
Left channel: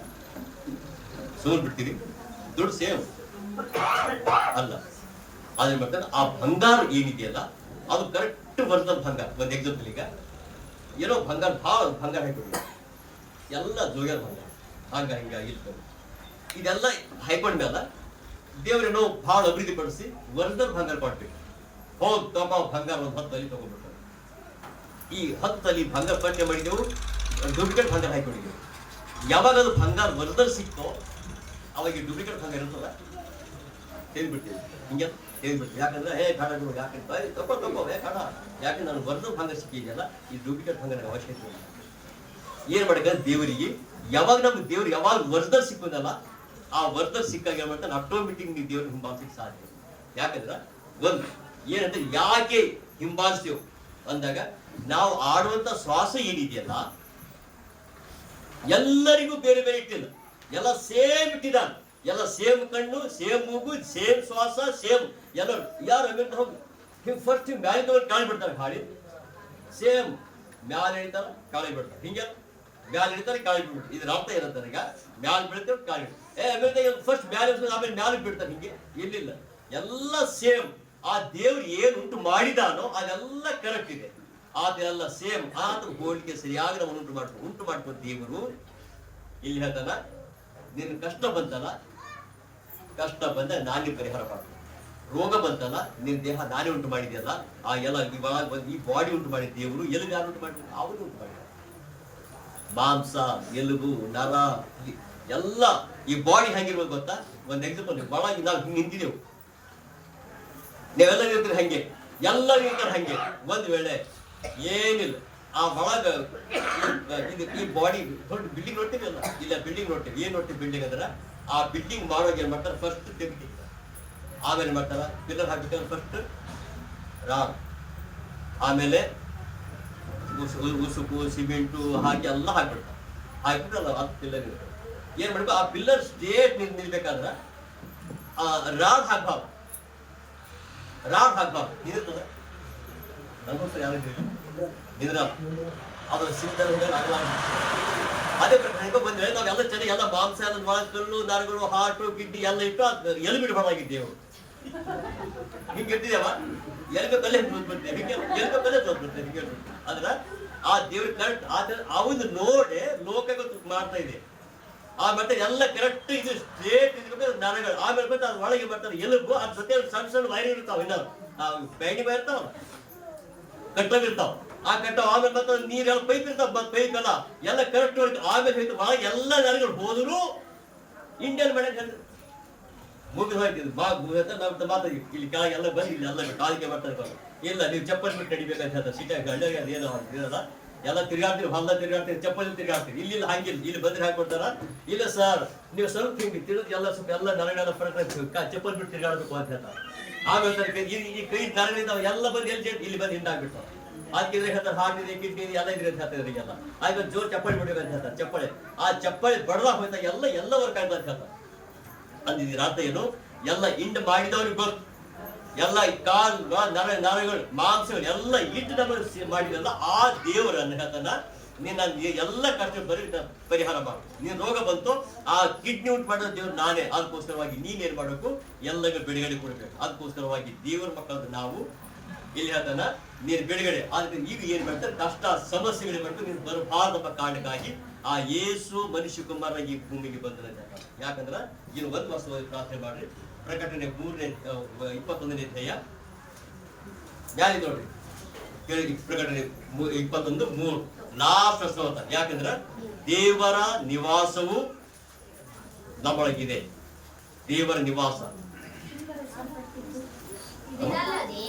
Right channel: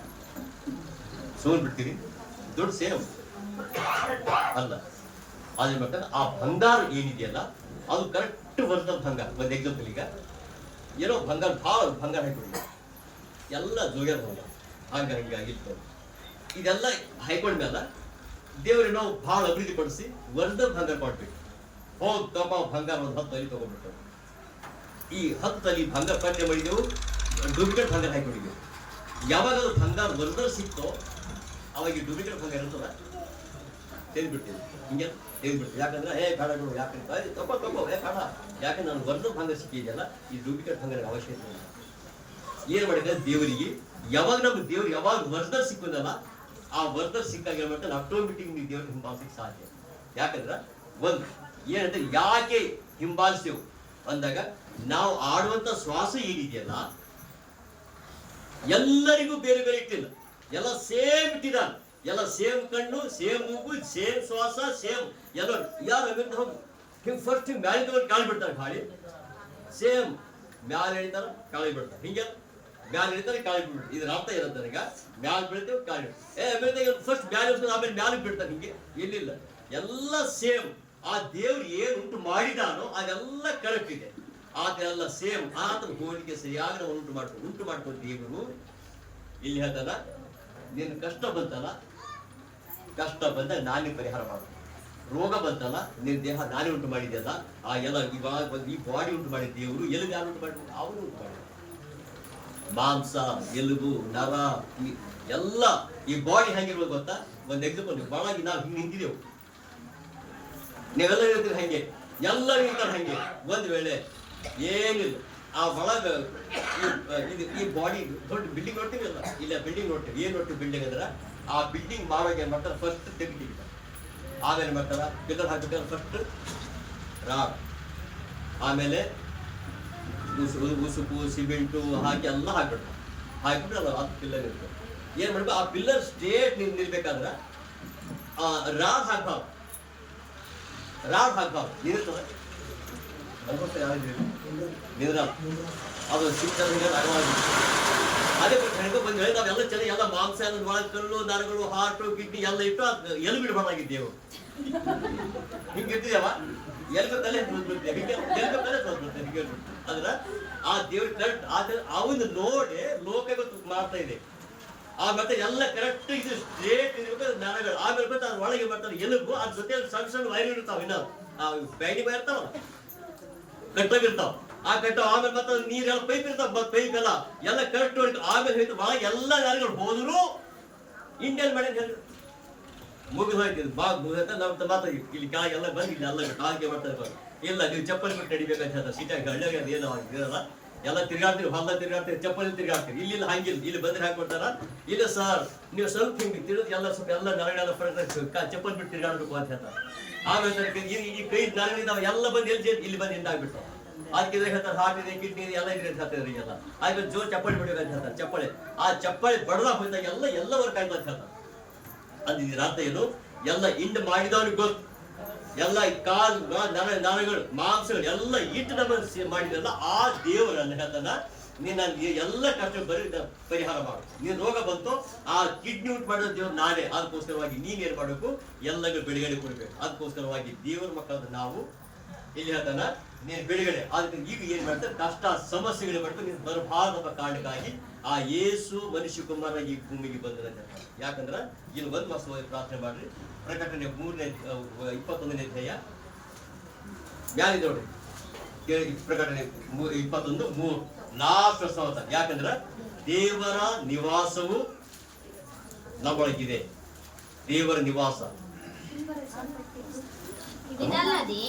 ಸೋಲ್ ಬಿಡ್ತೀರಿ, ದುಡ್ಡು ಸೇವ್ ಅಲ್ಲ. ಅದೇನ್ ಮಾಡ್ತಾರೆ, ಆ ಬಂಗಾರ ಏನಿದೆಯಲ್ಲ ಅದು ಕರೆಕ್ಟ್ ಒರಿಜಿನಲ್ ಬಂಗಾರ. ಒಂದು ಎಕ್ಸಾಂಪಲ್ ಈಗ ಏನೋ ಬಂಗಾರ ಭಾಳ ಬಂಗಾರ ಹಾಕಿಬಿಡಿ, ಎಲ್ಲ ಜೋಗಿರ ಬಂಗಾರ ಹಿಂಗ ಇರ್ತದೆ. ಇದೆಲ್ಲ ಹಾಕೊಂಡ್ಮೇಲೆ ದೇವ್ರೇನೋ ಭಾಳ ಅಭಿವೃದ್ಧಿ ಪಡಿಸಿ ಒರಿಜಿನಲ್ ಬಂಗಾರ ಕೊಟ್ಬಿಟ್ಟು ಹೋಗಿ ತಗೋ ಬಂಗಾರ ಒಂದು 10 ತಲೆ ತಗೊಂಡ್ಬಿಡ್ತಾರೆ. ಈ 10 ತಲೆ ಬಂಗಾರ ಪಟ್ಟೆ ಮಾಡಿದೆವು, ಡೂಪ್ಲಿಕೇಟ್ ಬಂಗಾರ ಹಾಕೊಂಡಿದ್ದೆವು. ಯಾವಾಗ ಅದು ಬಂಗಾರ ಒರಿಜಿನಲ್ ಸಿಕ್ತೋ ಅವಾಗ ಈ ಡೂಪ್ಲಿಕೇಟ್ ಬಂಗಾರ ಇರ್ತದ ತೆಗೆದ್ಬಿಡ್ತೀವಿ, ಹಿಂಗೆ ತೆಗೆದ್ಬಿಡ್ತೀವಿ. ಯಾಕಂದ್ರೆ ಬೇಡ ಯಾಕಂತ ತಗೋ ಬೇಡ, ಯಾಕಂದ್ರೆ ನಾನು ಒರಿಜಿನಲ್ ಭಂಗ ಸಿಕ್ಕಿದೆಯಲ್ಲ, ಈ ಡೂಪ್ಲಿಕೇಟ್ ಭಂಗ ನನಗೆ ಅವಶ್ಯಕತೆ ಇಲ್ಲ. ಏನ್ ಮಾಡಿದ್ರೆ ದೇವರಿಗೆ ಯಾವಾಗ ನಮ್ಗೆ ದೇವ್ರು ಯಾವಾಗ ಒರಿಜಿನಲ್ ಸಿಕ್ಕುದಲ್ಲ, ಆ ಒರಿಜಿನಲ್ ಸಿಕ್ಕಾಗ ಏನ್ ಮಾಡ್ತಾನೆ ಆಟೋಮೆಟಿಕ್ ನೀವು ದೇವ್ರ ಹಿಂಬಾಲಿಸಲಿಕ್ಕೆ ಸಾಧ್ಯ. ಯಾಕಂದ್ರೆ ಒಂದು ಏನಂದ್ರೆ ಯಾಕೆ ಹಿಂಬಾಲಿಸ್ತೇವೆ ಅಂದಾಗ, ನಾವು ಆಡುವಂತ ಶ್ವಾಸ ಏನಿದೆಯಲ್ಲ ಎಲ್ಲರಿಗೂ ಬೇರೆ ಬೇರೆ ಇಟ್ಟಿಲ್ಲ, ಎಲ್ಲ ಸೇಮ್ ಇಟ್ಟಿದ್ದಾನೆ. ಎಲ್ಲ ಸೇಮ್ ಕಣ್ಣು, ಸೇಮ್ ಮೂಗು, ಸೇಮ್ ಶ್ವಾಸ, ಸೇಮ್ ಎಲ್ಲ. ಯಾರು ಹೋಗಿ ಫಸ್ಟ್ ಮ್ಯಾಲೆ ತಗೊಂಡು ಕಾಳಿ ಬಿಡ್ತಾರೆ, ಗಾಳಿ ಸೇಮ್ ಮ್ಯಾಲೆ ಹಿಡಿತಾರ ಕಾಳಿ ಬಿಡ್ತಾರೆ, ಹಿಂಗೆಲ್ಲ ಮ್ಯಾಲೆ ಹಿಡಿತಾರೆ ಕಾಳಿ ಬಿಡ್ಬಿಡ್ತಾರೆ. ಇದ್ರ ಅರ್ಥ ಏನಂತಾರೆ, ಈಗ ಮ್ಯಾಲೆ ಬೀಳ್ತೇವೆ ಕಾಳಿ ಬಿಡ್ತೇವೆ, ಫಸ್ಟ್ ಮ್ಯಾಲೆ ಆಮೇಲೆ ಮ್ಯಾಲೆ ಬಿಡ್ತಾರೆ, ಹಿಂಗೆ ಇಲ್ಲಿಲ್ಲ, ಎಲ್ಲ ಸೇಮ್. ಆ ದೇವ್ರು ಏನು ಉಂಟು ಮಾಡಿದಾನೋ ಅದೆಲ್ಲ ಕರೆಕ್ಟ್ ಇದೆ, ಅದೆಲ್ಲ ಸೇಮ್. ಆತ ಹೋಲಿಕೆ ಸರಿಯಾಗಿ ನಾವು ಉಂಟು ಮಾಡ್ಕೊ ದೇವರು ಇಲ್ಲಿ ಹೇಳ್ತಾನ, ನಿನ್ನ ಕಷ್ಟ ಬಂತಲ್ಲ, ಕಷ್ಟ ಬಂದಾಗ ನಾನೇ ಪರಿಹಾರ ಮಾಡ್ತೀನಿ. ರೋಗ ಬಂತಲ್ಲ, ನಿನ್ನ ದೇಹ ನಾನೇ ಉಂಟು ಮಾಡಿದೆಯಲ್ಲ, ಆ ಎಲ್ಲ ಇವಾಗ ಈ ಬಾಡಿ ಉಂಟು ಮಾಡಿದ ದೇವರು, ಎಲುಬು ಯಾರು ಉಂಟು ಮಾಡಿ, ಅವನು ಉಂಟು ಮಾಡಿದ. ಮಾಂಸ, ಎಲುಬು, ನರ ಎಲ್ಲ ಈ ಬಾಡಿ ಹೆಂಗಿರ್ಬೋದು ಗೊತ್ತಾ? ಒಂದು ಎಕ್ಸಾಂಪಲ್, ಒಳಗೆ ನಾವು ಹಿಂಗೆ ನಿಂತಿದ್ದೆವು, ನೀವೆಲ್ಲ ಇರ್ತೀರಿ ಹಂಗೆ, ಎಲ್ಲ ಇರ್ತಾರೆ ಹಂಗೆ. ಒಂದ್ ವೇಳೆ ಏನಿಲ್ಲ, ಆ ಒಳಗ ಈ ಬಾಡಿ ದೊಡ್ಡ ಬಿಲ್ಡಿಂಗ್ ನೋಡ್ತೀವಿ ಅಲ್ಲ, ಇಲ್ಲ ಬಿಲ್ಡಿಂಗ್ ನೋಡ್ತೀವಿ. ಏನ್ ನೋಡ್ತೀವಿ ಬಿಲ್ಡಿಂಗ್ ಅಂದ್ರೆ, ಆ ಬಿಲ್ಡಿಂಗ್ ಮಾಡುವಾಗ ಏನ್ ಮಾಡ್ತಾರೆ, ಫಸ್ಟ್ ತೆಗಿತಾರೆ, ಆಮೇಲೆ ಮಾಡ್ತಾರ ಪಿಲ್ಲರ್ ಹಾಕ್ಬೇಕಾದ್ರೆ ಫಸ್ಟ್ ರಾಡ್, ಆಮೇಲೆ ಉಸುಕು ಸಿಮೆಂಟು ಹಾಕಿ ಎಲ್ಲ ಹಾಕ್ಬಿಡ್ತಾರೆ. ಹಾಕ್ಬಿಟ್ರೆ ಅಲ್ಲ ಅದು ಪಿಲ್ಲರ್ ಇರ್ತದೆ. ಏನ್ ಮಾಡ್ಬೇಕು, ಆ ಪಿಲ್ಲರ್ ಸ್ಟೇಟ್ ನಿಲ್ಬೇಕಾದ್ರೆ ರಾಡ್ ಹಾಕ್ಬಾರ್ದು, ನಿಂದಿರ್ತದೆ ಅನ್ಕೋತ ಯಾರಿದ್ದೀರಿ ನಿಂದ್ರ, ಅದು ಸಿಂಪಲ್ ಅದೇ ಹೆಣ್ಕೊ ಬಂದ್ರೆ ನಾವೆಲ್ಲ ಚೆನ್ನಾಗಿ ಎಲ್ಲ ಮಾಂಸ ಎಲ್ಲ ಒಳಗೆ ಕಲ್ಲು ನರಗಳು ಹಾರ್ಟು ಕಿಡ್ನಿ ಎಲ್ಲ ಇಟ್ಟು ಎಲ್ಲಿ ಬಿಡಬಾರ್ದಾಗಿದ್ದೇವೆ. ಹಿಂಗಿರ್ತಿದ್ದೇವ ಎಲ್ಬೇಕಲ್ಲೇ ತೋರ್ಸ್ಬಿಡ್ತೇವೆ, ಎಲ್ಬೇಕಲ್ಲೇ ತೋರ್ಸ್ಬಿಡ್ತೇವೆ ಹಿಂಗೆ. ಅದ್ರ ಆ ದೇವ್ರ ಕರೆಕ್ಟ್ ಅವನು ನೋಡಿ ಲೋಕ ಮಾಡ್ತಾ ಇದೆ. ಆ ಮತ್ತೆ ಎಲ್ಲ ಕರೆಕ್ಟ್ ಇದು ಸ್ಟ್ರೇಟ್ ಇರ್ಬೇಕಾದ್ರೆ ನರಗಳು, ಆಮೇಲೆ ಬಂದು ಅದ್ರ ಒಳಗೆ ಬರ್ತಾರೆ ಎಲುಬು, ಅದ್ರ ಜೊತೆ ಸಣ್ಣ ಸಣ್ಣ ವೈರ್ ಇರ್ತಾವ, ಇನ್ನೊಂದು ನಾವು ಬ್ಯಾಂಡಿ ಬೈ ಇರ್ತಾವಲ್ಲ ಕಟ್ಟಾಗಿರ್ತಾವ, ಆ ಕಟ್ಟಾವ. ಆಮೇಲೆ ಮತ್ತೆ ನೀರೆಲ್ಲ ಪೈಪ್ ಇರ್ತಾವ, ಮತ್ತೆ ಪೈಪ್ ಎಲ್ಲ ಕರೆಕ್ಟ್ ಹೊಡಿತಾವ. ಆಮೇಲೆ ಹೋಯ್ತು ಒಳಗೆ ಎಲ್ಲ ನರಗಳು ಹೋದ್ರು ಇಂಡಿಯನ್ ಮಾಡಿ ಹೇಳಿದ್ರು ಮುಗಿದು ಹೋಯ್ತು, ಮುಗಿದ ನಾವು ಮಾತ್ರ ಇಲ್ಲಿ ಕೆಳಗೆ ಎಲ್ಲ ಬಂದು ಇಲ್ಲಿ ಎಲ್ಲ ಬಿಟ್ಟು ಆಯ್ಕೆ ಮಾಡ್ತಾರೆ. ಇಲ್ಲ ನೀವು ಚಪ್ಪಲ್ ಬಿಟ್ಟು ನಡಿಬೇಕಂತ ಹೇಳ್ತಾರೆ. ಸಿಟಿಯಾಗಿ ಹಳ್ಳಿಯಾಗ ಅದು ಏನೋ ಇರಲ್ಲ, ಎಲ್ಲ ತಿರ್ಗಾಡ್ತೀವಿ, ಹೊಲ ತಿರ್ಗಾಡ್ತೀವಿ, ಚಪ್ಪಲಿ ತಿರ್ಗಾಡ್ತೀವಿ. ಇಲ್ಲಿ ಹಂಗಿಲ್ಲ, ಇಲ್ಲಿ ಬಂದ್ರೆ ಹಾಕೊಡ್ತಾರ. ಇಲ್ಲ ಸರ್ ನೀವು ಸ್ವಲ್ಪ ಹಿಂಗೆ ತಿಳಿದು ಎಲ್ಲ ಸ್ವಲ್ಪ ಎಲ್ಲ ನರಗಳೆಲ್ಲ ಚಪ್ಪಲ್ ಬಿಟ್ಟು ತಿರ್ಗಾಡಬೇಕು ಅಂತ ಹೇಳ್ತಾರೆ. ಆಮೇಲೆ ಈ ಕೈ ನರಗಳಿದ್ದಾವೆ ಎಲ್ಲ ಬಂದು ಇಲ್ಲಿ ಬಂದು ಹಿಂದಾಗ್ಬಿಡ್ತಾವ. ಅದಕ್ಕೆ ಹೇಳ್ತಾರೆ ಹಾರ್ಟ್ ಇದೆ, ಕಿಡ್ನಿ ಇದೆ, ಎಲ್ಲ ಇದ್ರೆ ಅಂತ ಹೇಳ್ತಾರೆ. ಈಗೆಲ್ಲ ಆಯ್ತು ಜೋರ್ ಚಪ್ಪಲಿ ಬಿಡ್ಬೇಕು ಅಂತ ಹೇಳ್ತಾರೆ. ಚಪ್ಪಳಿ ಆ ಚಪ್ಪಳಿ ಬಡದಾಗ ಹೋಯ್ತಾಗ ಎಲ್ಲ ವರ್ಕ್ ಆಯ್ತು ಅಂತ ಹೇಳ್ತಾರೆ. ಅಂದಿದ್ದೀರ ಅರ್ಥ ಏನು, ಎಲ್ಲ ಇಂಡ್ ಮಾಡಿದವನಿಗೆ ಗೊತ್ತು, ಎಲ್ಲ ಕಾಲ್ ನರಗಳು ಮಾಂಸಗಳು ಎಲ್ಲ ಇಟ್ಟು ನಮ್ಮ ಮಾಡಿದಲ್ಲ ಆ ದೇವರನ್ನು ಹೇಳ್ತಾನ, ನೀನ್ ಎಲ್ಲ ಕಷ್ಟ ಬರೀ ಪರಿಹಾರ ಮಾಡು. ನೀನ್ ರೋಗ ಬಂತು, ಆ ಕಿಡ್ನಿ ಉಂಟು ಮಾಡಿದ ದೇವ್ರು ನಾನೇ. ಅದಕ್ಕೋಸ್ಕರವಾಗಿ ನೀನ್ ಏನ್ ಮಾಡ್ಬೇಕು, ಎಲ್ಲರಿಗೂ ಬಿಡುಗಡೆ ಕೊಡ್ಬೇಕು. ಅದಕ್ಕೋಸ್ಕರವಾಗಿ ದೇವರ ಮಕ್ಕಳಾದ ನಾವು ಇಲ್ಲಿ ಹೇಳ್ತಾನ ನೀನ್ ಬಿಡುಗಡೆ. ಅದಕ್ಕೆ ಈಗ ಏನ್ ಮಾಡ್ತಾರೆ, ಕಷ್ಟ ಸಮಸ್ಯೆಗಳು ಮಾಡ್ಕೊಂಡು ನೀನ್ ಬರಬಾರ್ದಪ್ಪ ಕಾರಣಕ್ಕಾಗಿ ಆ ಯೇಸು ಮನುಷ್ಯ ಕುಮಾರ ಈ ಭೂಮಿಗೆ ಬಂದ್ರೆ ಅಂತ ಹೇಳ್ತಾರೆ. ಯಾಕಂದ್ರ ಇನ್ನು ಒಂದು ವರ್ಷವಾಗಿ ಪ್ರಾರ್ಥನೆ ಮಾಡ್ರಿ. ಪ್ರಕಟಣೆ 21ನೇ ಅಧ್ಯಾಯ ಮ್ಯಾಲೆ ನೋಡ್ರಿ, ಪ್ರಕಟಣೆ 21:3 ಲಾಸ್ಟ್ ವರ್ಷ. ಯಾಕಂದ್ರ ದೇವರ ನಿವಾಸವು ನಮ್ಮೊಳಗಿದೆ, ದೇವರ ನಿವಾಸ. ಇದಲ್ಲದೆ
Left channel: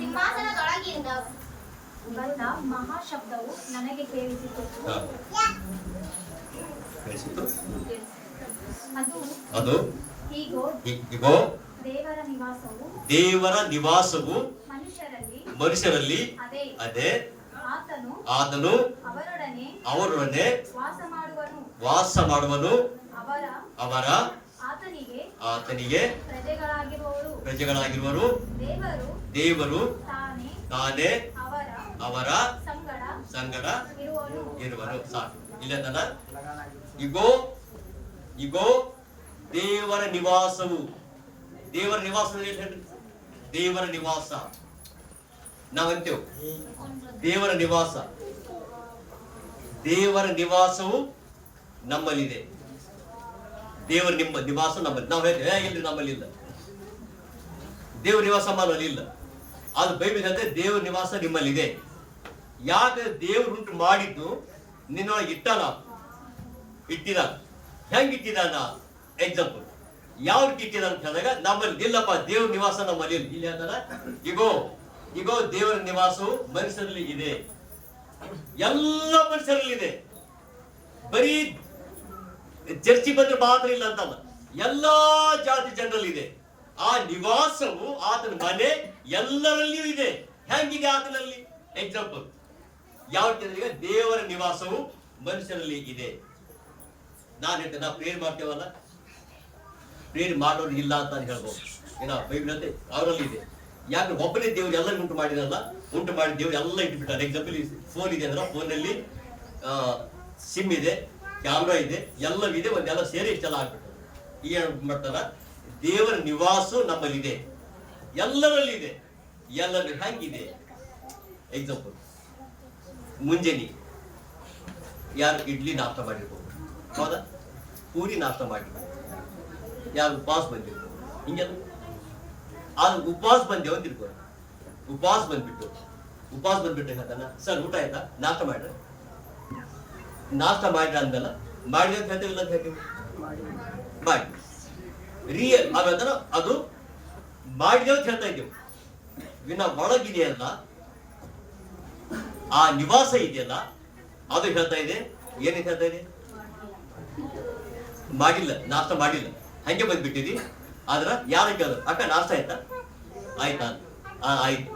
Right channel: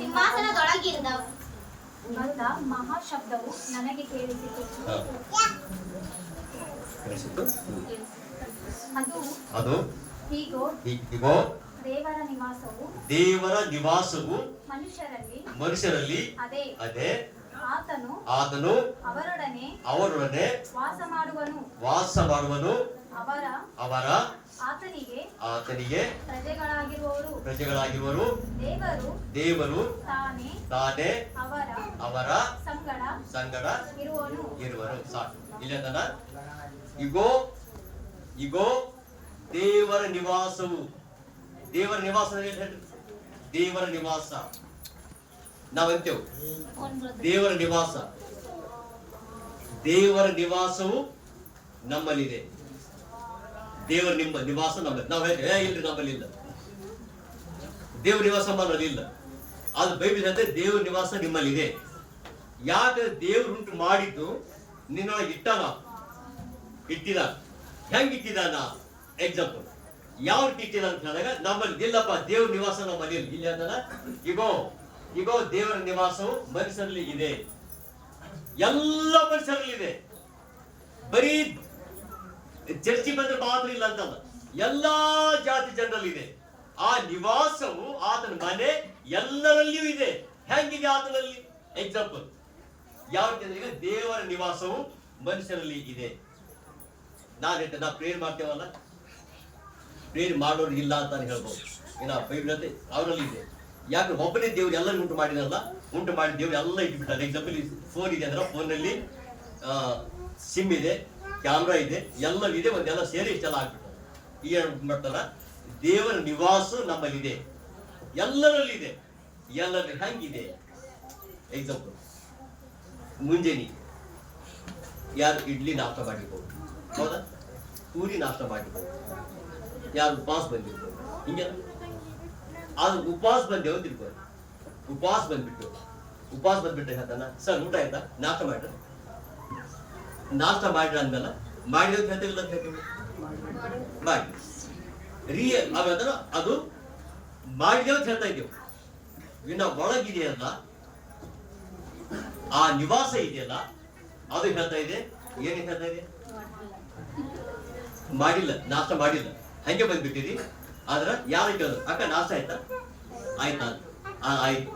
ಸಿಂಹಾಸನದೊಳಗಿಂದ ಬಂದ ಮಹಾಶಬ್ದವು ನನಗೆ ಕೇಳಿಸಿತು. ಅದು ಇಗೋ ದೇವರ ನಿವಾಸವು ಮನುಷ್ಯರಲ್ಲಿ, ಅದೇ ಆತನು ಅವರೊಡನೆ ವಾಸ ಮಾಡುವನು, ಅವರ ಆತನಿಗೆ ಪ್ರಜೆಗಳಾಗಿರುವರು, ದೇವರು ತಾನೇ ಅವರ ಸಂಗಡ ಇರುವರು. ಸಾಕು. ಇಲ್ಲ ಇಗೋ ದೇವರ ನಿವಾಸವು, ದೇವರ ನಿವಾಸ ದೇವರ ನಿವಾಸ ನಾವಂತೇವು. ದೇವರ ನಿವಾಸ, ದೇವರ ನಿವಾಸವು ನಮ್ಮಲ್ಲಿದೆ. ದೇವರ ನಿವಾಸ ನಮ್ಮಲ್ಲಿ. ನಾವು ಹೇಳ್ತೇವೆ ಇಲ್ರಿ ನಮ್ಮಲ್ಲಿ ಇಲ್ಲ, ದೇವರ ನಿವಾಸ ನಮ್ಮಲ್ಲಿ ಇಲ್ಲ. ಅದು ಬೈಬಲ್ ಹೇಳ್ತದೆ ದೇವರ ನಿವಾಸ ನಿಮ್ಮಲ್ಲಿದೆ. ಯಾಕಂದ್ರೆ ದೇವರು ಉಂಟು ಮಾಡಿದ್ದು ನಿನ್ನೊಳಗೆ ಇಟ್ಟ ನಾವು ಇಟ್ಟಿದಾನ. ಹೆಂಗ್ ಇಟ್ಟಿದಾನ? ಎಕ್ಸಾಂಪಲ್ ಯಾವ ರೀತಿ ಇಟ್ಟಿದಾನ ಅಂತ ಹೇಳಿದಾಗ, ನಮ್ಮಲ್ಲಿ ಇಲ್ಲಪ್ಪ ದೇವ್ರ ನಿವಾಸ ನಮ್ಮಲ್ಲಿ ಇಲ್ಲಿ ಅಂತಾನ. ಇಗೋ ದೇವರ ನಿವಾಸವು ಮನುಷ್ಯರಲ್ಲಿ ಇದೆ. ಎಲ್ಲ ಮನುಷ್ಯರಲ್ಲಿ ಇದೆ. ಬರೀ ಚರ್ಚಿ ಬಂದ್ರೆ ಮಾತ್ರ ಇಲ್ಲ ಅಂತಲ್ಲ, ಎಲ್ಲಾ ಜಾತಿ ಜನರಲ್ಲಿ ಇದೆ. ಆ ನಿವಾಸವು, ಆತನ ಮನೆ ಎಲ್ಲರಲ್ಲಿಯೂ ಇದೆ. ಹೆಂಗಿದೆ ಆತನಲ್ಲಿ? ಎಕ್ಸಾಂಪಲ್ ಯಾವ ರೀತಿ ಅಂದ್ರೆ, ಈಗ ದೇವರ ನಿವಾಸವು ಮನುಷ್ಯರಲ್ಲಿ ಇದೆ. ನಾನು ಹೇಳ್ತೇನೆ, ನಾವು ಪ್ರೇಯರ್ ಮಾಡ್ತೇವಲ್ಲ, ಪ್ರೇಯರ್ ಮಾಡೋರು ಇಲ್ಲ ಅಂತ ನಾನು ಹೇಳ್ಬೋದು. ಏನೋ ಬೈಬಲ್ ಅಂತ ಅವರಲ್ಲಿ ಇದೆ. ಯಾಕೆ? ಒಬ್ಬನೇ ದೇವ್ರು ಎಲ್ಲರಿಗೂ ಉಂಟು ಮಾಡಿರಲ್ಲ, ಉಂಟು ಮಾಡಿ ದೇವ್ರು ಎಲ್ಲ ಇಟ್ಬಿಟ್ಟಾರೆ. ಎಕ್ಸಾಂಪಲ್ ಫೋನ್ ಇದೆ ಅಂದ್ರೆ ಫೋನಲ್ಲಿ ಸಿಮ್ ಇದೆ, ಕ್ಯಾಮ್ರಾ ಇದೆ, ಎಲ್ಲ ಇದೆ, ಒಂದೆಲ್ಲ ಸೇರಿ ಇಷ್ಟೆಲ್ಲ ಆಗ್ಬಿಟ್ಟು ಏನ್ ಮಾಡ್ತಾರ? ದೇವರ ನಿವಾಸ ನಮ್ಮಲ್ಲಿದೆ, ಎಲ್ಲರಲ್ಲಿ ಇದೆ. ಎಲ್ಲರಲ್ಲಿ ಹೆಂಗಿದೆ? ಎಕ್ಸಾಂಪಲ್ ಮುಂಜಾನೆ ಯಾರು ಇಡ್ಲಿ ನಾಷ್ಟ ಮಾಡಿರ್ಬೋದು, ಹೌದಾ? ಪೂರಿ ನಾಷ್ಟ ಮಾಡಿರ್ಬೋದು, ಯಾರು ಉಪವಾಸ ಬಂದಿರ್ಬೋದು. ಹಿಂಗೆಲ್ಲ ಅದು ಉಪವಾಸ ಬಂದೇವು ಅಂತಿರ್ಬೋದು. ಉಪವಾಸ ಬಂದ್ಬಿಟ್ಟು ಹೇಳ್ತಾನ, ಸರ್ ಊಟ ಆಯ್ತಾ? ನಾಷ್ಟ ಮಾಡ್ರ? ನಾಷ್ಟ ಮಾಡ್ರ ಅಂದ್ಮೇಲೆ ಮಾಡಿದ ಅಂತ ಹೇಳ್ತೇವೆ, ಇಲ್ಲ ಅಂತ ಹೇಳ್ತೇವೆ? ಮಾಡಿ ರಿಯಲ್ ಆಮೇಲೆ ಅದು ಮಾಡಿದೇವು ಅಂತ ಹೇಳ್ತಾ ಇದ್ದೇವೆ. ಇನ್ನ ಒಳಗಿದೆಯಲ್ಲ, ಆ ನಿವಾಸ ಇದೆಯಲ್ಲ, ಅದು ಹೇಳ್ತಾ ಇದೆ. ಏನೇನು ಹೇಳ್ತಾ ಇದೆ? ಮಾಡಿಲ್ಲ, ನಾಷ್ಟ ಮಾಡಿಲ್ಲ, ಹಂಗೆ ಬಂದ್ಬಿಟ್ಟಿರಿ. ಆದ್ರ ಯಾರು ಕೇಳಿದ್ರು, ಅಕ್ಕ ನಾಷ್ಟ ಆಯ್ತಾ? ಆಯ್ತಾ? ಆಯ್ತು.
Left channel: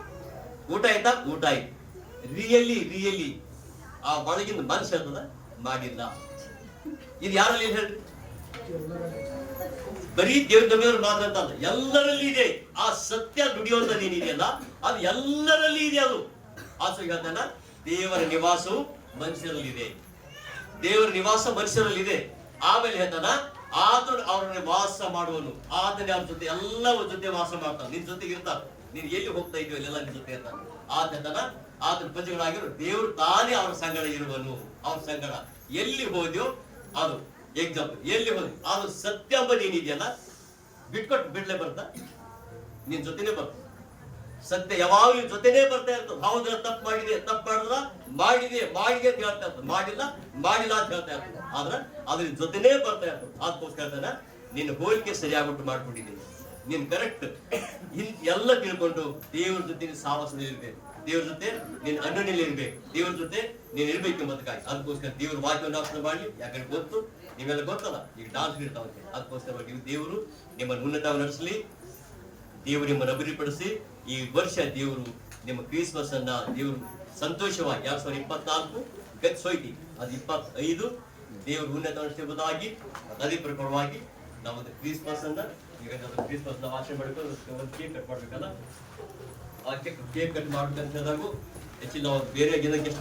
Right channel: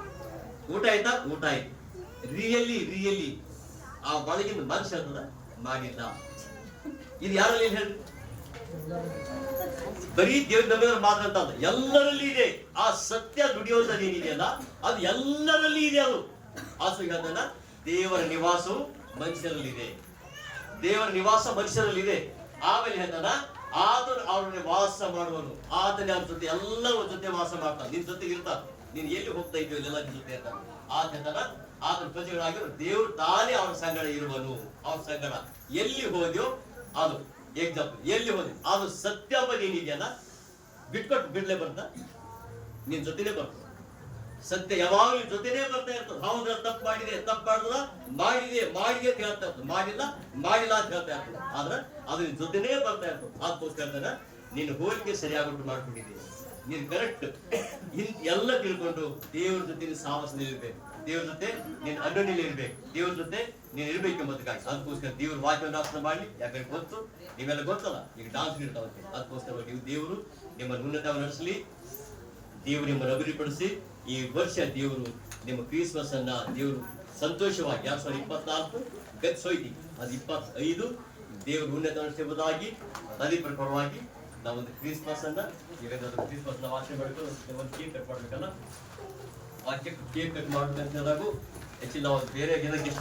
ಊಟ ಆಯ್ತಾ? ಊಟ ಆಯ್ತು. ರಿಯಲಿ ಆ ಒಳಗಿನ ಮನುಷ್ಯ ಅಂತದ ಮಾಡಿಲ್ಲ. ಇದು ಯಾರಲ್ಲಿ ಹೇಳ್ರಿ? ಬರೀ ದೇವ್ರ ನಂಬಿದವರು ಮಾತ್ರ ಅಂತ ಅಲ್ಲ, ಎಲ್ಲರಲ್ಲಿ ಇದೆ. ಆ ಸತ್ಯ ದುಡಿಯುವಂಥದ್ದು ಏನಿದೆಯಲ್ಲ, ಅದು ಎಲ್ಲರಲ್ಲಿ ಇದೆ. ಅದು ಹೇಳ್ತಾನ, ದೇವರ ನಿವಾಸವು ಮನುಷ್ಯರಲ್ಲಿದೆ. ದೇವರ ನಿವಾಸ ಮನುಷ್ಯರಲ್ಲಿದೆ. ಆಮೇಲೆ ಹೇಳ್ತಾನ, ಆತನು ಅವ್ರನ್ನ ವಾಸ ಮಾಡುವನು. ಆತನೇ ಅವ್ರ ಜೊತೆ ಎಲ್ಲರ ಜೊತೆ ವಾಸ ಮಾಡ್ತಾನೆ. ನಿನ್ ಜೊತೆಗೆ ಇರ್ತಾನ. ನೀನ್ ಎಲ್ಲಿ ಹೋಗ್ತಾ ಇದ್ದೀವಿ ಎಲ್ಲ ನಿನ್ ಜೊತೆ ಇರ್ತಾನೆ. ಆತನ ಆತನ ಪ್ರಜೆಗಳಾಗಿರೋ ದೇವ್ರು ತಾನೇ ಅವ್ರ ಸಂಗಡ ಇರುವನು. ಅವ್ರ ಸಂಗಡ ಎಲ್ಲಿ ಹೋದ್ಯೋ ಅದು ಎಕ್ಸಾಂಪಲ್. ಎಲ್ಲಿ ಹೋದ್ವಿ ಅದು ಸತ್ಯ ಅಂಬ ನೀನಿದೆಯಲ್ಲ, ಬಿಟ್ಕೊಟ್ಟು ಬಿಡ್ಲೇ ಬರ್ತಾ? ನಿನ್ ಜೊತೆನೆ ಬರ್ತ ಸತ್ಯ ಯಾವಾಗ್ಲೂ ನಿನ್ ಜೊತೆನೆ ಬರ್ತಾ ಇರ್ತದೆ. ಹೌದ್ರ ತಪ್ಪು ಮಾಡಿದ್ರ ಮಾಡಿದೆ ಅಂತ ಹೇಳ್ತಾ ಇರ್ತದೆ, ಮಾಡಿಲ್ಲ ಅಂತ ಹೇಳ್ತಾ ಇರ್ತದೆ. ಆದ್ರ ಅದು ನಿನ್ ಜೊತೆನೇ ಬರ್ತಾ ಇರ್ತದೆ. ಅದಕ್ಕೋಸ್ಕರ ಹೇಳ್ತಾನೆ, ನಿನ್ನ ಹೋಲಿಕೆ ಸರಿಯಾಗುಂಟು ಮಾಡ್ಕೊಂಡಿದ್ದೀನಿ. ನೀನ್ ಕರೆಕ್ಟ್ ಎಲ್ಲ ತಿಳ್ಕೊಂಡು ದೇವ್ರ ಜೊತೆ ನೀನು ಸಾಹಸದಲ್ಲಿ ಇರ್ಬೇಕು, ದೇವ್ರ ಜೊತೆ ನೀನ್ ಅಣ್ಣನಲ್ಲಿ ಇರ್ಬೇಕು, ದೇವ್ರ ಜೊತೆ ನೀನ್ ಇರ್ಬೇಕು ಎಂಬುದಕ್ಕಾಗಿ. ಅದಕ್ಕೋಸ್ಕರ ದೇವ್ರ ವಾಕ್ಯವನ್ನು ಅರ್ಥ ಮಾಡ್ಲಿ. ಯಾಕಂದ್ರೆ ಗೊತ್ತು, ನೀವೆಲ್ಲ ಗೊತ್ತಲ್ಲ, ಈಗ ಡಾನ್ಸ್ ಇರ್ತಾವಂತೆ. ಅದಕ್ಕೋಸ್ಕರ ನೀವು ದೇವರು ನಿಮ್ಮನ್ನು ಉನ್ನತ ನಡೆಸಲಿ. ದೇವರು ನಿಮ್ಮನ್ನು ಅಭಿವೃದ್ಧಿಪಡಿಸಿ. ಈ ವರ್ಷ ದೇವರು ನಿಮ್ಮ ಕ್ರಿಸ್ಮಸ್ ಅನ್ನ ದೇವರು ಸಂತೋಷವಾಗಿ 2024 ಗಚ್ಚೋಯ್ತಿ, ಅದು 25 ದೇವರು ಉನ್ನತ ನಡೆಸುವುದಾಗಿ ಅದೇ ಪ್ರಕಾರವಾಗಿ ನಾವೊಂದು ಕ್ರಿಸ್ಮಸ್ ಅನ್ನ ಈಗ ಕ್ರಿಸ್ಮಸ್ ನಾವು ಆಚರಣೆ ಮಾಡ್ಕೊಂಡು ಒಂದು ಕೇಕ್ ಕಟ್ ಮಾಡ್ಬೇಕಲ್ಲ. ಆ ಕೇಕ್ ಕಟ್ ಮಾಡ್ಬೇಕಂತ ಹೇಳಿದಾಗ ಹೆಚ್ಚಿಲ್ಲ ಬೇರೆ ಜನಕ್ಕೆ